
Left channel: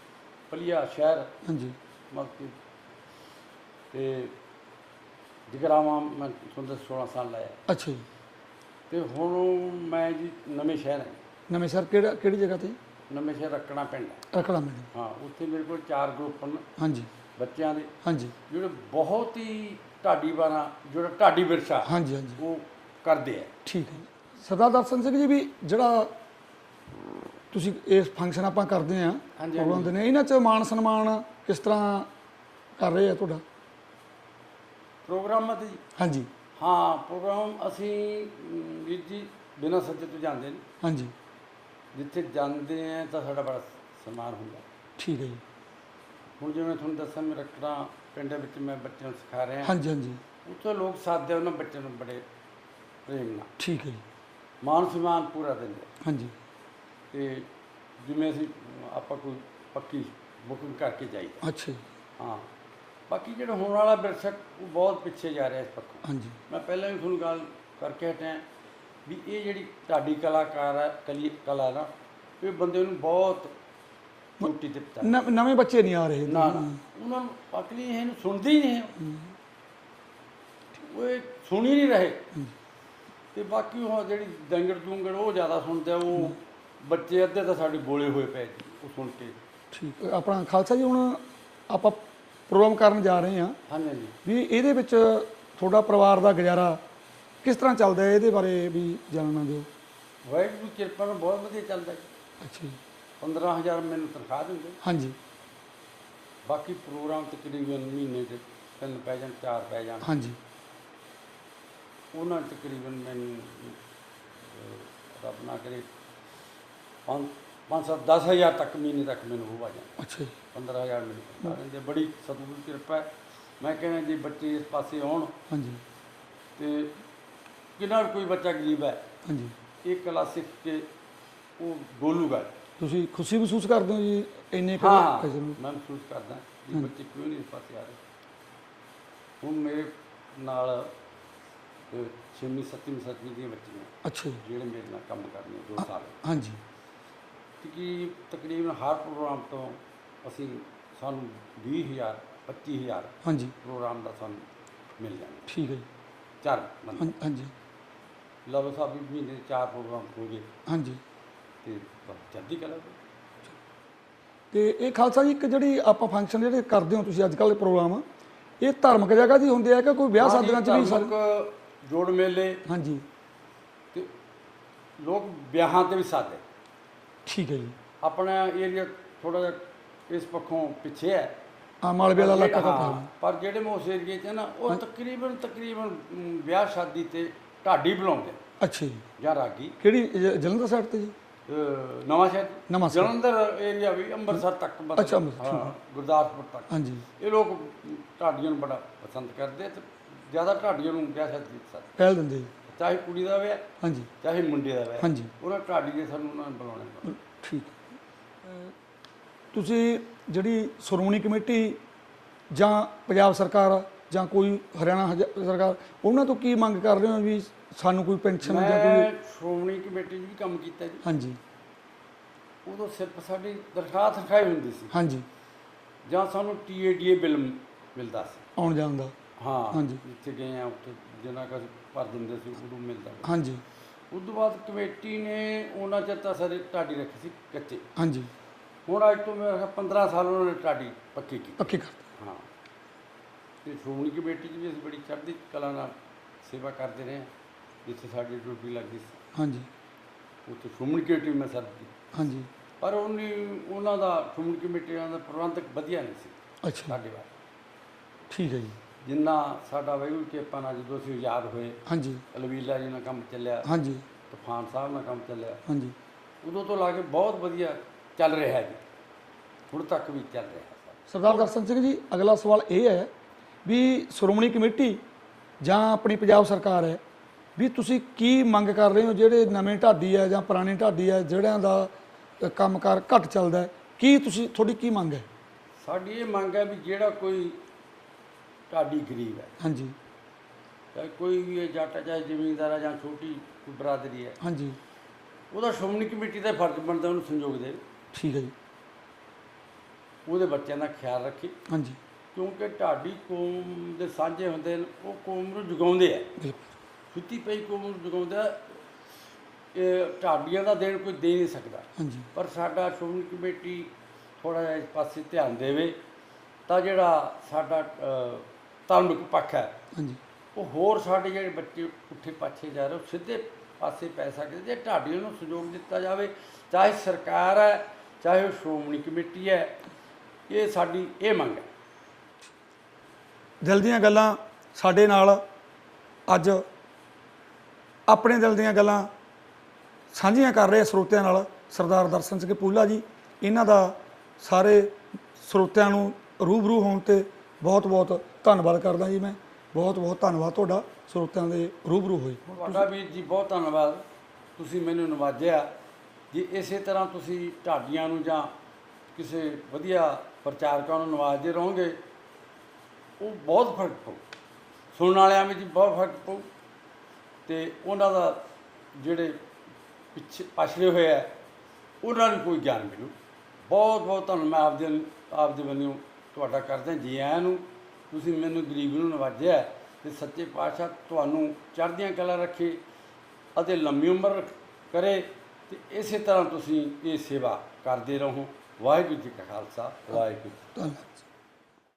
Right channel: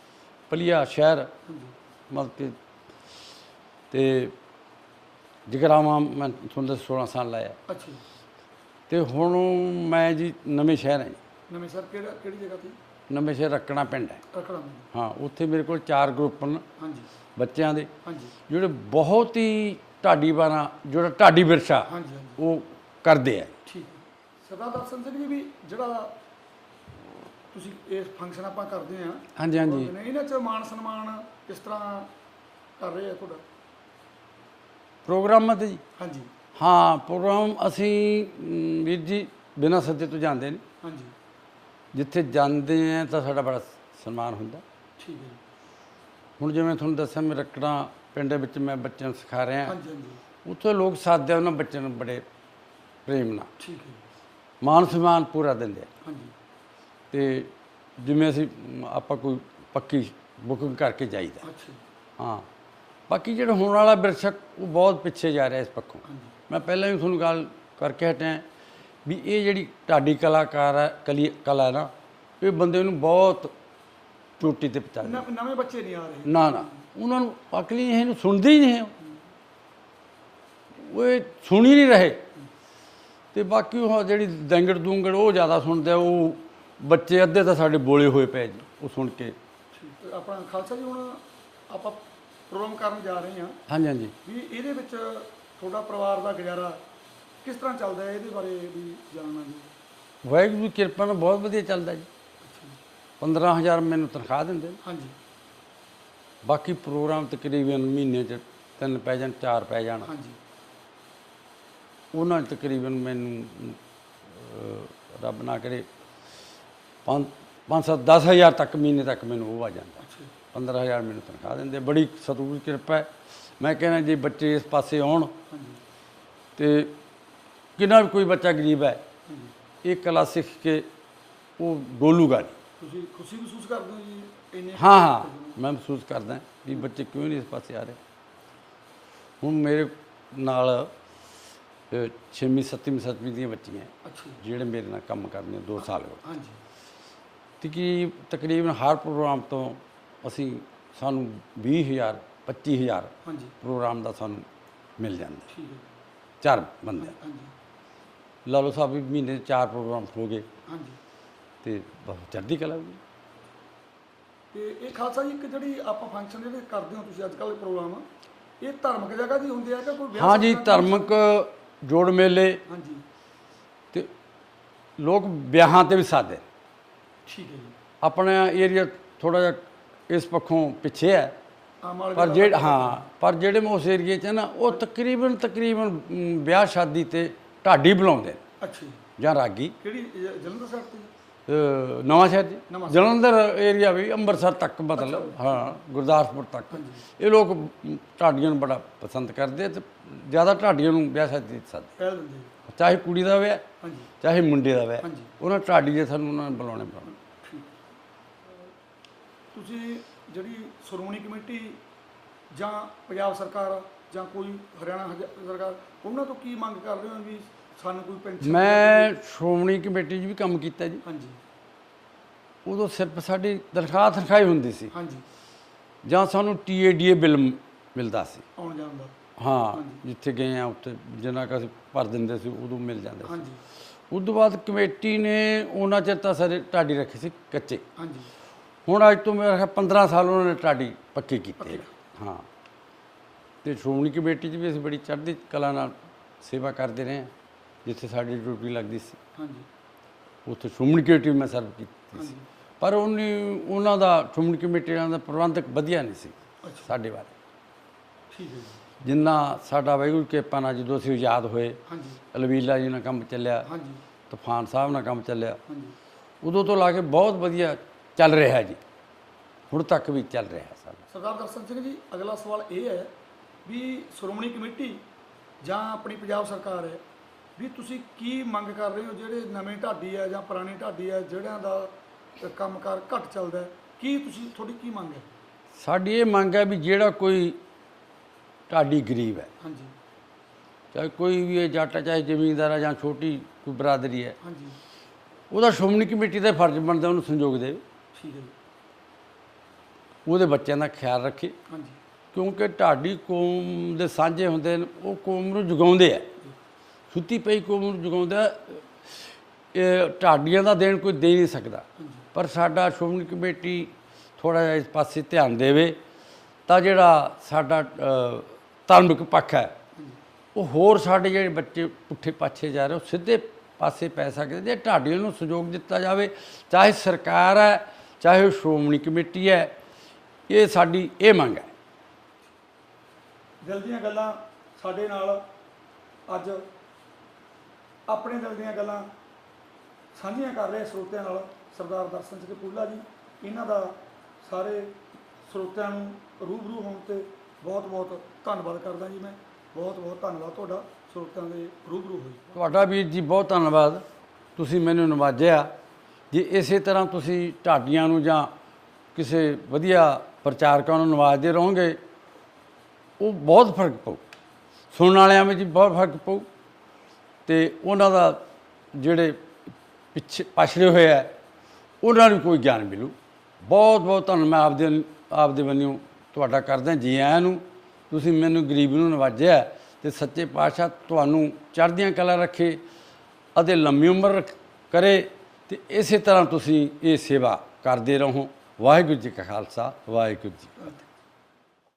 ਪਲੀਆ ਸ਼ਹਿਰ ਹਾਂਜੀ। ਮਤਲਬ ਕਿ ਤੇ ਜਗਰਾਵਾਂ ਮੈਂ ਤੁਹਾਨੂੰ ਦੱਸ 16 ਸਾਲ ਲਾਇਆ। ਅੱਛਾ ਜੀ। ਤੇ ਹੁਣ ਮੈਂ ਜੀ ਨਵੇਂ ਸ਼ਹਿਰ ਹੈ ਨਵੇਂ ਸਰ ਕਿਹੜਾ ਕਿਹੜੀ ਜਗ੍ਹਾ ਤੇ? ਨਵੇਂ ਸ਼ਹਿਰ ਰੱਖਣਾ ਪਿੰਡ ਹੈ। ਰਖੜਾ ਮੈਨੂੰ ਹਾਂ ਉੱਥੇ ਮੇਰੇ ਕੋਲ ਚਾਰ ਗਰੁੱਪ ਨੇ ਹਾਂਜੀ। ਬੱਚਿਆਂ ਦੇ। ਹਾਂਜੀ। ਜਿਹੜੇ ਬਹੁਤ ਹੀ ਢਾਡੀ ਬਾਣਾ ਜਿਹੜਾ ਢਾਡੀ ਵਿਰਸਾ ਹਾਂਜੀ ਹਾਂਜੀ। ਉਹ ਕਰਦੇ ਆ। ਠੀਕ ਹੈ। ਸਰਦਾਰ ਦਰਸ਼ਨ ਸਿੰਘ ਜੀ ਵੀ ਜਿਹੜਾ ਤੁਸੀਂ ਇਸ ਫੰਕਸ਼ਨ ਆਪਾਂ ਕਰਦੇ ਆ ਹਾਂਜੀ, ਹਾਂਜੀ। ਨੇ ਇਹਨਾਂ ਚ ਮਾਨ ਸਨਮਾਨ ਕਿਸ ਤਰ੍ਹਾਂ ਕਰ ਰਹੇ ਆ ਤੁਹਾਡਾ? ਪ੍ਰੋਗਰਾਮਾਂ ਤੇ ਜੀ? ਹਾਂਜੀ। ਹਾਂ ਪ੍ਰੋਗਰਾਮ ਅਸੀਂ ਅਮ, ਵੀਰ ਜੀ ਬਿਨਾਂ ਸੱਦੇ ਤੋਂ ਜਾਂਦੇ ਨੇ। ਹਾਂਜੀ। ਜਿੱਥੇ ਜਾਂਦੇ ਆ ਤਾਂ ਸਾਡਾ ਬੜਾ ਸਨਮਾਨ ਹੁੰਦਾ। ਠੀਕ ਹੈ ਜੀ। ਹੁਣ ਜਿਵੇਂ ਤੁਹਾਨੂੰ ਦੱਸਿਆ ਮੈਂ ਰੱਕੜਾਂ ਪਿੰਡ ਦੇ ਵਿੱਚ ਮੈਂ ਬੱਚਿਆਂ ਨੂੰ ਸਿਖਾ ਰਿਹਾ। ਹਾਂਜੀ ਹਾਂਜੀ। ਉੱਥੇ ਲੋਕ ਸਾਥਦੇ ਆ ਉਹਨਾਂ ਬੱਚਿਆਂ ਨੂੰ ਬੜੇ ਪ੍ਰੇਮ ਨਾਲ। ਠੀਕ ਹੈ ਜੀ। ਮਾਨ ਸਨਮਾਨ ਪੂਰਾ ਦਿੰਦੇ ਆ। ਹਾਂਜੀ। ਤੇ ਜਿਵੇਂ ਅਸੀਂ ਆਪਾਂ ਕੋਈ ਪੱਕੀ ਬੁਕਿੰਗ ਕਰਕੇ ਜਾਈਦਾ। ਅੱਛਾ ਜੀ। ਹਾਂ। ਬਾਕੀ ਜਿਹੜਾ ਹੋਣ ਵਾਲਾ ਵਿਰਸਕ ਉਹ ਬਹੁਤ ਪਿੱਛੇ ਜਾ ਰਿਹਾ ਇਸ ਪੱਖੋਂ। ਹਾਂਜੀ। ਮੈਂ ਪਹਿਲਾਂ ਵੀ ਤੁਹਾਨੂੰ ਗੱਲ ਕਰਕੇ ਹਟਿਆ ਵੀ ਇਹ ਜਿਹੜੀ ਢਾਡੀ ਕਲਾਕਾਰ ਹੈ ਕਲੀ ਕਲਾ ਨਾ ਇਹ ਬੰਦੇ ਨੂੰ ਬਹੁਤ ਚੋਟੀ ਤੇ ਪਹੁੰਚਾ ਨ- ਨਵੇਂ ਬੱਚੇ ਨਹੀਂ ਆ ਰਹੇ। ਨਾ ਨਾ। ਉਹਨਾਂ ਨੂੰ ਅਕਲੀ ਇਹਨੂੰ ਸੁਣਦੇ ਹੀ ਨਹੀਂ ਹੈ। ਉਹ ਇਹ ਸੁਣ ਹੀ ਨਹੀਂ ਰਹੇ। ਤੇ ਬਾਕੀ ਉਹ ਜਿਹੜੀ ਦੰਗੜ ਦੁੰਗੜ ਉਹ ਜ਼ਿਆਦਾ ਸੁਣਦੇ ਆ ਉਹ ਬੱਚੇ ਅੱਧੇ ਤਾਂ ਸਾਡੇ ਬੋਲੇ ਹੋਏ ਪਏ ਜੀ ਉਹ ਸੁਣ ਕੇ। ਠੀਕ। ਹੈ। ਆਪਣਾ ਖਾਲਸਾ ਜੀ ਹੁਣ ਆਪਾਂ ਪ੍ਰੋਗਰਾਮ ਕਰਨ ਜਾ ਰਹੇ ਹਾਂ। ਹਾਂਜੀ ਹਾਂਜੀ। ਵੀ ਇਹਦੇ ਵਿੱਚ ਤੁਹਾਡਾ ਪਰਿਵਾਰ ਦਾ ਗੁਜ਼ਾਰਾ ਕਿਸ ਤਰ੍ਹਾਂ ਚੱਲਦਾ ਹੈ ਇਹਦੇ ਬਾਰੇ ਵੀ ਜਾਣਨਾ ਜੋ। ਵਾਹਿਗੁਰੂ ਦੀ ਕਿਰਪਾ ਨਾਲ ਬਹੁਤ ਵਧੀਆ ਚੱਲਦਾ ਜੀ। ਅੱਛਾ ਜੀ। 15000 ਮੈਨੂੰ ਤਨਖਾਹ ਦਿੰਦੇ। ਹਾਂਜੀ। ਬਾਕੀ ਪ੍ਰੋਗਰਾਮ ਤਕਰੀਬਨ ਮਹੀਨੇ 'ਚ ਤਿੰਨ ਪੈ ਜਾਣ ਚਾਰ ਪੈ ਜਾਣ। ਹਾਂਜੀ। ਉਹਨਾਂ 'ਚ ਤਕਰੀਬਨ ਮੈਨੂੰ ਅਹ, ਰੱਬ ਨਾ ਕਰੇ ਪੰਜ ਪੰਜ ਸੱਤ ਦਸ ਹਜ਼ਾਰ ਤੱਕ ਮਹੀਨੇ ਤੱਕ ਮੈਨੂੰ ਉਹ ਆ ਜਾਂਦਾ। ਅੱਛਾ ਜੀ। 15000 ਮੈਨੂੰ ਤਨਖਾਹ ਦਿੰਦੇ। ਬੜੀ ਸਤਿਗੁਰੂ ਦੀ ਕਿਰਪਾ ਹੈ। ਮੈਂ ਕਹਿੰਦਾ ਜੇ ਬੱਚੇ ਇਸ ਪਾਸੇ ਆਉਣ ਹਾਂਜੀ। ਤੇ ਕਿੰਨਾ ਵੀ ਕੋਈ ਬੱਚਾ ਗਰੀਬ ਹੈ ਹਾਂਜੀ। ਇਹ ਕਲਾ ਸਿੱਖ ਕੇ ਉਹ ਗੋਲੂਗਾ ਤੁਸੀਂ ਖੁਸ਼ੀ ਮਹਿਸੂਸ ਕਰਦੇ ਹੋ ਜੀ ਇੰਨੇ ਹਾਂ ਹਾਂ? ਮੈਂ ਮਹਿਸੂਸ ਕਰਦਾ ਵੀ ਬੱਚੇ ਕਿਉਂ ਨਹੀਂ ਇਸ ਪਾਸੇ ਆ ਰਹੇ। ਹੁਣ ਮੇਰੇ ਨਾਲ 6ਵੀਂ 7ਵੀਂ 7ਵੀਂ ਦੀਆਂ ਬੱਚੀਆਂ ਅੱਛਾ ਜਿਹੜੇ ਮੇਰੇ ਨਾਲ ਕੰਮ ਕਰਦੀਆਂ 2 ਸਾਲ ਹੋ ਹਾਂਜੀ। ਤੇ ਕੀ ਤਕਰੀਬਨ ਹਰ ਪ੍ਰੋਗਰਾਮ ਤੋਂ ਅਸੀਂ ਸਾਨੂੰ 20000 25000 ਹਾਂਜੀ। ਪ੍ਰੋਗਰਾਮ ਦਾ ਸਾਨੂੰ ਮਿਲ ਜਾਂਦਾ। ਠੀਕ ਹੈ ਜੀ। ਚਾਰ ਬੰਦੇ। ਹਾਂ- ਹਾਂਜੀ। ਲਾਲੋ ਸਾਹਿਬ ਵੀ ਮਹੀਨੇ 'ਚ ਚਾਰ ਪ੍ਰੋਗਰਾਮ ਹੋ ਗਏ। ਹਾਂਜੀ। ਤੇ ਬਹੁਤ ਚੜ੍ਹਦੀ ਕਲਾ ਹੋਈ ਤੇ ਇਹ ਖਾਲਸਾ ਜੀ ਇੱਕ ਜਿਹੜੀ ਆਪਾਂ ਫੰਕਸ਼ਨ ਜਿਹੜੇ ਕਰਦੇ ਹੋ ਤੁਸੀਂ ਅੱਜ ਕੱਲ੍ਹ ਦੇ ਪ੍ਰੋਗਰਾਮ ਇਹ ਧਾਰਮਿਕ ਜਗ੍ਹਾ ਦੀ ਹੁੰਦੇ ਆ ਕਿ ਕੋਈ ਵਿਆਹ ਹਾਂ ਜੀ ਸ਼ਾਦੀਆਂ 'ਚ ਵੀ ਧਾਰਮਿਕ ਜੋੜ ਮੇਲੇ। ਹਾਂਜੀ। ਤੇ ਲੋਕ ਵਿਆਹਾਂ ਤੇ ਵੀ ਸਾਦੇ। ਠੀਕ ਹੈ ਜੀ। ਆਪਣਾ ਏਰੀਆ ਥੋੜਾ ਜਿਹਾ ਇਸ ਪੱਖੋਂ ਪਿੱਛੇ ਹੈ। ਆ ਮਾਲਵੇ ਪਰ ਜਿਹੜੇ ਹਾਂ ਪਰ ਜਿਹੜੇ ਮੈਂ ਉਸ ਏਰੀਏ 'ਚ ਨਾ ਉਹ ਤਕਰੀਬਨ ਤਕਰੀਬਨ ਮ, ਵਿਆਹ ਸ਼ਾਦੀ ਤੇ ਢਾਡੀ ਬੁਲਾਉਂਦੇ ਅੱਛਾ ਜੀ। ਜਾਂ ਰਾਗੀ। ਕਿਹੜੀ ਜ- ਜਲੰਧਰ ਸਾਈਡ ਤੇ ਜੀ? ਅਹ ਨਵਾਂ ਸ਼ਹਿਰ ਨਵਾਂ ਚ। ਜਲੰਧਰ ਏਰੀਆ ਵੀ ਅੰਮ੍ਰਿਤਸਰ ਤੱਕ ਅੱਛਾ, ਮਤਲਬ ਅੰਮ੍ਰਿਤਸਰ, ਹਾਂ ਗੁਰਦਾਸਪੁਰ ਤੱਕ। ਹਾਂਜੀ ਇਹ ਲੋਕ ਮ, ਢਾਡੀਆਂ ਨੂੰ ਬੜਾ ਪਸੰਦ ਕਰਦੇ ਆ ਤੇ ਜ਼ਿਆਦਾ ਢਾਡੀਆਂ ਨੂੰ ਵਿਆਹ ਸ਼ਾਦੀ 'ਚ ਸੱਦ ਪਹਿਲ ਦਿੰਦੇ ਜੀ। ਚਾਹੇ ਕੁੜੀ ਦਾ ਵਿਆਹ ਹਾਂਜੀ। ਚਾਹੇ ਮੁੰਡੇ ਦਾ ਵਿਆਹ। ਹਾਂਜੀ। ਉਹਨਾਂ ਢਾਡੀ ਦੇ ਸਾਨੂੰ ਉਹਨਾਂ ਨੇ ਬੁਲਾਉਣੇ ਪੈਂਦੇ ਠੀਕ ਤੁਸੀਂ ਜਿਹੜੀ ਸ਼੍ਰੋਮਣੀ ਕਮੇਟੀ ਜਾਂ ਪੰਜਾਬ ਸਰਕਾਰ ਜਾਂ ਕੋਈ ਹਰਿਆਣਾ ਸਰਕਾਰ ਉਹਨਾਂ ਤੋਂ ਕੀ ਮੰਗ ਕਰ ਰਹੇ ਹੋ ਵੀ ਸਾਨੂੰ ਕੋਈ ਪੈਨਸ਼ਨ ਜਾਂ ਮੈਂ ਸ਼੍ਰੋਮਣੀ ਕਮੇਟੀ 'ਚ ਵੀ ਕੰਮ ਕੀਤਾ ਜੀ। ਹਾਂਜੀ। ਉਦੋਂ ਸਿਰਫ ਸਾਡੀ ਤਨਖਾਹ ਤਨਖਾਹ ਹੁੰਦੀ ਸੀ। ਹਾਂਜੀ। ਜਾਂ ਸਾਨੂੰ ਟੀਏਡੀਏ ਬਿੱਲ ਮਿਲਦਾ ਸੀ। ਆਉਣ ਜਾਣ ਦਾ। ਹਾਂ ਹਾਂਜੀ। ਜਿੱਥੇ ਗਏ ਆ ਉੱਥੇ ਜਿੰਨਾ ਕੁ ਅਸੀਂ ਭਰ ਦਿੰਦੇ ਸੀ ਉਦੋਂ ਮਿਲ ਜਾਂਦਾ ਹਾਂਜੀ। ਉਸ ਤੋਂ ਬਾਅਦ ਕਮੇਟੀ ਨੇ ਉਹਨਾਂ ਚਿਰ ਤਾਂ ਸਾਰੇ ਢਾਡੀ ਰੱਖੇ ਸੀ ਕੱਚੇ। ਹਾਂਜੀ। ਹੁਣ ਅੱਜ ਤੋਂ ਮੇਰਾ ਖਿਆਲ 15 ਸਾਲ ਉਹਨਾਂ ਨੇ ਢਾਡੀ ਪੱਕੀ ਕੀਤੀ ਪੱਕੀ ਕਰ ਹਾਂ। ਤੇ ਸ਼੍ਰੋਮਣੀ ਕਮੇਟੀ 'ਚ ਵੀ ਅਸੀਂ ਬੜੀ ਚੜ੍ਹਦੀ ਕਲਾ ਨਾਲ ਸੇਵਾ ਕਰਦੇ ਰਹੇ ਹਾਂ ਜਿੱਥੇ ਸਾਡੀ ਡਿਊਟੀ ਲੱਗਦੀ ਸੀ। ਹਾਂਜੀ। ਉੱਥੇ ਸ਼੍ਰੋਮਣੀ ਕਮੇਟੀ ਵੀ ਮੈਂ ਸਰਵ ਕੀਤੀ ਹਾਂਜੀ। ਪਰ ਉਹਨੇ ਉਹਨਾਂ ਦਾ ਸ਼੍ਰੋਮਣੀ ਕਮੇਟੀ ਦਾ ਪ੍ਰਬੰਧਕ ਵਧੀਆ ਨਹੀਂ ਸੀ ਅੱਛਾ। ਸਾਡੇ ਵੱਲ। ਠੀਕ ਹੈ ਜੀ। ਜਿੰਨਾ ਸਾਡਾ ਵਾਹਿਗੁਰੂ ਕਿਰਪਾ ਨਾਲ ਜਦੋਂ ਅਸੀਂ ਆਜ਼ਾਦ ਹੋਏ ਹਾਂਜੀ। ਅਲਵੀਲਾ ਜੀ ਨਾਲ ਕੰਮ ਚੱਲਿਆ ਹਾਂਜੀ। ਤੂਫਾਨ ਸਾਹਿਬ ਨਾਲ ਕੰਮ ਚੱਲਿਆ ਹਾਂਜੀ। ਉਦੋਂ ਤੋਂ ਲਾ ਕੇ ਬਹੁਤ ਵਧੀਆ ਚੱਲ ਰਿਹਾ ਜੀ। ਹੁਣ ਤੱਕ ਵੀ ਚੱਲ ਰਿਹਾ ਸਭ। ਸਰਦਾਰ ਦਰਸ਼ਨ ਸਿੰਘ ਜੀ ਅਗਲਾ ਸਵਾਲ ਇਹ ਹੈ ਵੀ ਸ਼੍ਰੋਮਣੀ ਕਮੇਟੀ ਜਾਂ ਆਪਣੀ ਪੰਜਾਬ ਸਰਕਾਰ ਹੈ ਵੀ ਤੁਸੀਂ ਕੀ ਮੰਗ ਕਰ ਰਹੇ ਹੋ? ਜਿਹੜੇ ਨਵੇਂ ਢਾਡੀ ਹੈ ਜਾਂ ਪੁਰਾਣੇ ਢਾਡੀ ਹੈ ਜਿਹੜਿਆਂ ਦਾ ਕੰਮਕਾਰ ਘੱਟ ਚੱਲਦਾ ਕੀ ਤੁਸੀਂ ਤੁਹਾਡੀ ਕੀ ਮੰਗ ਹੈ? ਸਾਡੀ ਇਹ ਮੰਗ ਹੈ ਵੀ ਜਿਹੜਾ ਕੋਈ ਢਾਡੀ ਗਰੀਬ ਹੈ। ਹਾਂਜੀ। ਚਾਹੇ ਕੋਈ ਵੀ ਹੈ ਜੱਟ ਹੈ, ਚਾਹੇ ਜ਼ਮੀਂਦਾਰ ਹੈ ਜਾਂ ਛੋਟੀ ਕੋਈ ਬਰਾਦਰੀ ਹੈ। ਹਾਂਜੀ। ਉਹਦਾ ਸ਼੍ਰੋਮਣੀ ਕਮੇਟੀ ਦਾ ਫਰਜ਼ ਬਣਦਾ ਉਹਨੂੰ ਸੰਯੋਗ ਦੇ। ਠੀਕ ਹੈ ਜੀ। ਉਹਦੇ ਬੱਚਿਆਂ ਦਾ ਖਿਆਲ ਰੱਖੇ। ਹਾਂਜੀ। ਕਿਉਂਕਿ ਢਾਡੀ ਕੌਮ ਦੇ ਸਾਂਝੇ ਹੁੰਦੇ ਨੇ ਉਹ ਕੌਮ ਨੂੰ ਜਗਾਉਂਦੇ ਆ। ਬਿਲਕੁਲ। ਸੁੱਤੀ ਪਈ ਕੌਮ ਨੂੰ ਜਗਾਉਂਦਾ ਇਹ ਢਾਡੀਆਂ ਦਾ ਦੇਣ ਕੋਈ ਦੇ ਨਹੀਂ ਸਕਦਾ। ਹਾਂਜੀ। ਪਰ ਸਾਡਾ ਸ਼੍ਰੋਮਣੀ ਕਮੇਟੀ ਥੋੜਾ ਜਿਹਾ ਇਸ ਪਾਸੇ ਧਿਆਨ ਦੇਵੇ ਤਾਂ ਜਿਹੜਾ ਸਾਡਾ ਅ, ਧਾਰਮਿਕ ਪੱਖ ਹੈ। ਹਾਂਜੀ। ਉਹ ਹੋਰ ਸਾਡੇ ਜਿਹੜੇ ਬੱਚੇ ਪੁੱਠੇ ਪਾਛੇ ਜਾ ਰਹੇ ਉਹ ਸਿੱਧੇ ਪਾਸੇ ਪੈ ਸਕਦੇ ਜੇ ਢਾਡੀਆਂ ਨੂੰ ਸਹਿਯੋਗ ਦਿੱਤਾ ਜਾਵੇ ਚਾਹੇ ਸਰਕਾਰ ਹੈ ਚਾਹੇ ਉਹ ਸ਼੍ਰੋਮਣੀ ਕਮੇਟੀ ਹੈ ਇਹ ਸਾਡੀ ਇਹ ਮੰਗ ਹੈ। ਦਿਲ ਦੀਆਂ ਗੱਲਾਂ ਸਾਡੇ ਨਾਲ ਅੱਜ ਆਪਣੇ ਦਿਲ ਦੀਆਂ ਗੱਲਾਂ ਸਾਂਝੀਆਂ ਕਰ ਰਹੇ ਸਰੋਤਿਆਂ ਨਾਲ ਸਰਦਾਰ ਦਰਸ਼ਨ ਸਿੰਘ ਪੂਲਾ ਜੀ। ਇਹਨਾਂ ਦਾ ਸਾਰੇ ਸਰੋਤਿਆਂ ਨੂੰ ਰੂਬਰੂ ਹੋਣ ਤੇ ਬਹੁਤ-ਬਹੁਤ ਧੰਨਵਾਦ ਕਰਦਾ ਜੀ ਮੈਂ। ਬਹੁਤ-ਬਹੁਤ ਧੰਨਵਾਦ ਤੁਹਾਡਾ ਸਰੋਤਿਆਂ ਦੇ ਰੂਬਰੂ ਹੋਈ ਤੁਹਾਡਾ ਵੀਰ ਜੀ ਬਹੁਤ ਧੰਨਵਾਦ। ਤੁਸੀਂ ਮੈਨੂੰ ਨਵਾਜਿਆ। ਜੇ ਇਸੇ ਤਰ੍ਹਾਂ ਤੁਸੀਂ ਢਾਡੀਆਂ ਨੂੰ ਜਾਂ ਕਿਸੇ ਵਧੀਆ ਪ੍ਰਚਾਰਕਾਂ ਨੂੰ ਨਵਾਜਦੇ ਰਹੋਗੇ, ਉਹ ਬਹੁਤ ਫ਼ਰਕ ਪਊ। ਸੁਣਨ ਵਾਲਿਆਂ ਵਿੱਚ ਬਹੁਤ ਫ਼ਰਕ ਪਊ। ਤੇ ਉਹਨਾਂ ਦਾ ਜਿਹੜੇ ਪਿੱਛੇ ਪਛੜੇ ਹੋਏ ਆ, ਉਹਨਾਂ ਨੂੰ ਕੋਈ ਗਿਆਨ ਮਿਲੂ। ਬਹੁਤ ਬਹੁਤ ਧੰਨਵਾਦ ਮੈਂ ਆਪਦੇ ਆਪਦੇ ਵੱਲੋਂ ਤੁਹਾਡਾ ਕਰਦਾ ਜੀ ਆਇਆਂ ਨੂੰ। ਤੁਸੀਂ ਮੈਨੂੰ ਗਰੀਬ ਨੂੰ ਨਵਾਜਿਆ ਤੇ ਸੱਚੇ ਪਾਤਸ਼ਾਹ ਤੁਹਾਨੂੰ ਚੜ੍ਹਦੀਆਂ ਕਲਾ ਰੱਖੇ ਅਤੇ ਲੰਮੀ ਉਮਰ ਰੱਖ- ਕਰੇ ਤੇ ਇਸੇ ਤਰ੍ਹਾਂ ਤੁਸੀਂ ਇਹ ਸੇਵਾ ਕਰਦੇ ਰਹੋ। ਵਾਹਿਗੁਰੂ ਜੀ ਕਾ ਖਾਲਸਾ, ਵਾਹਿਗੁਰੂ ਜੀ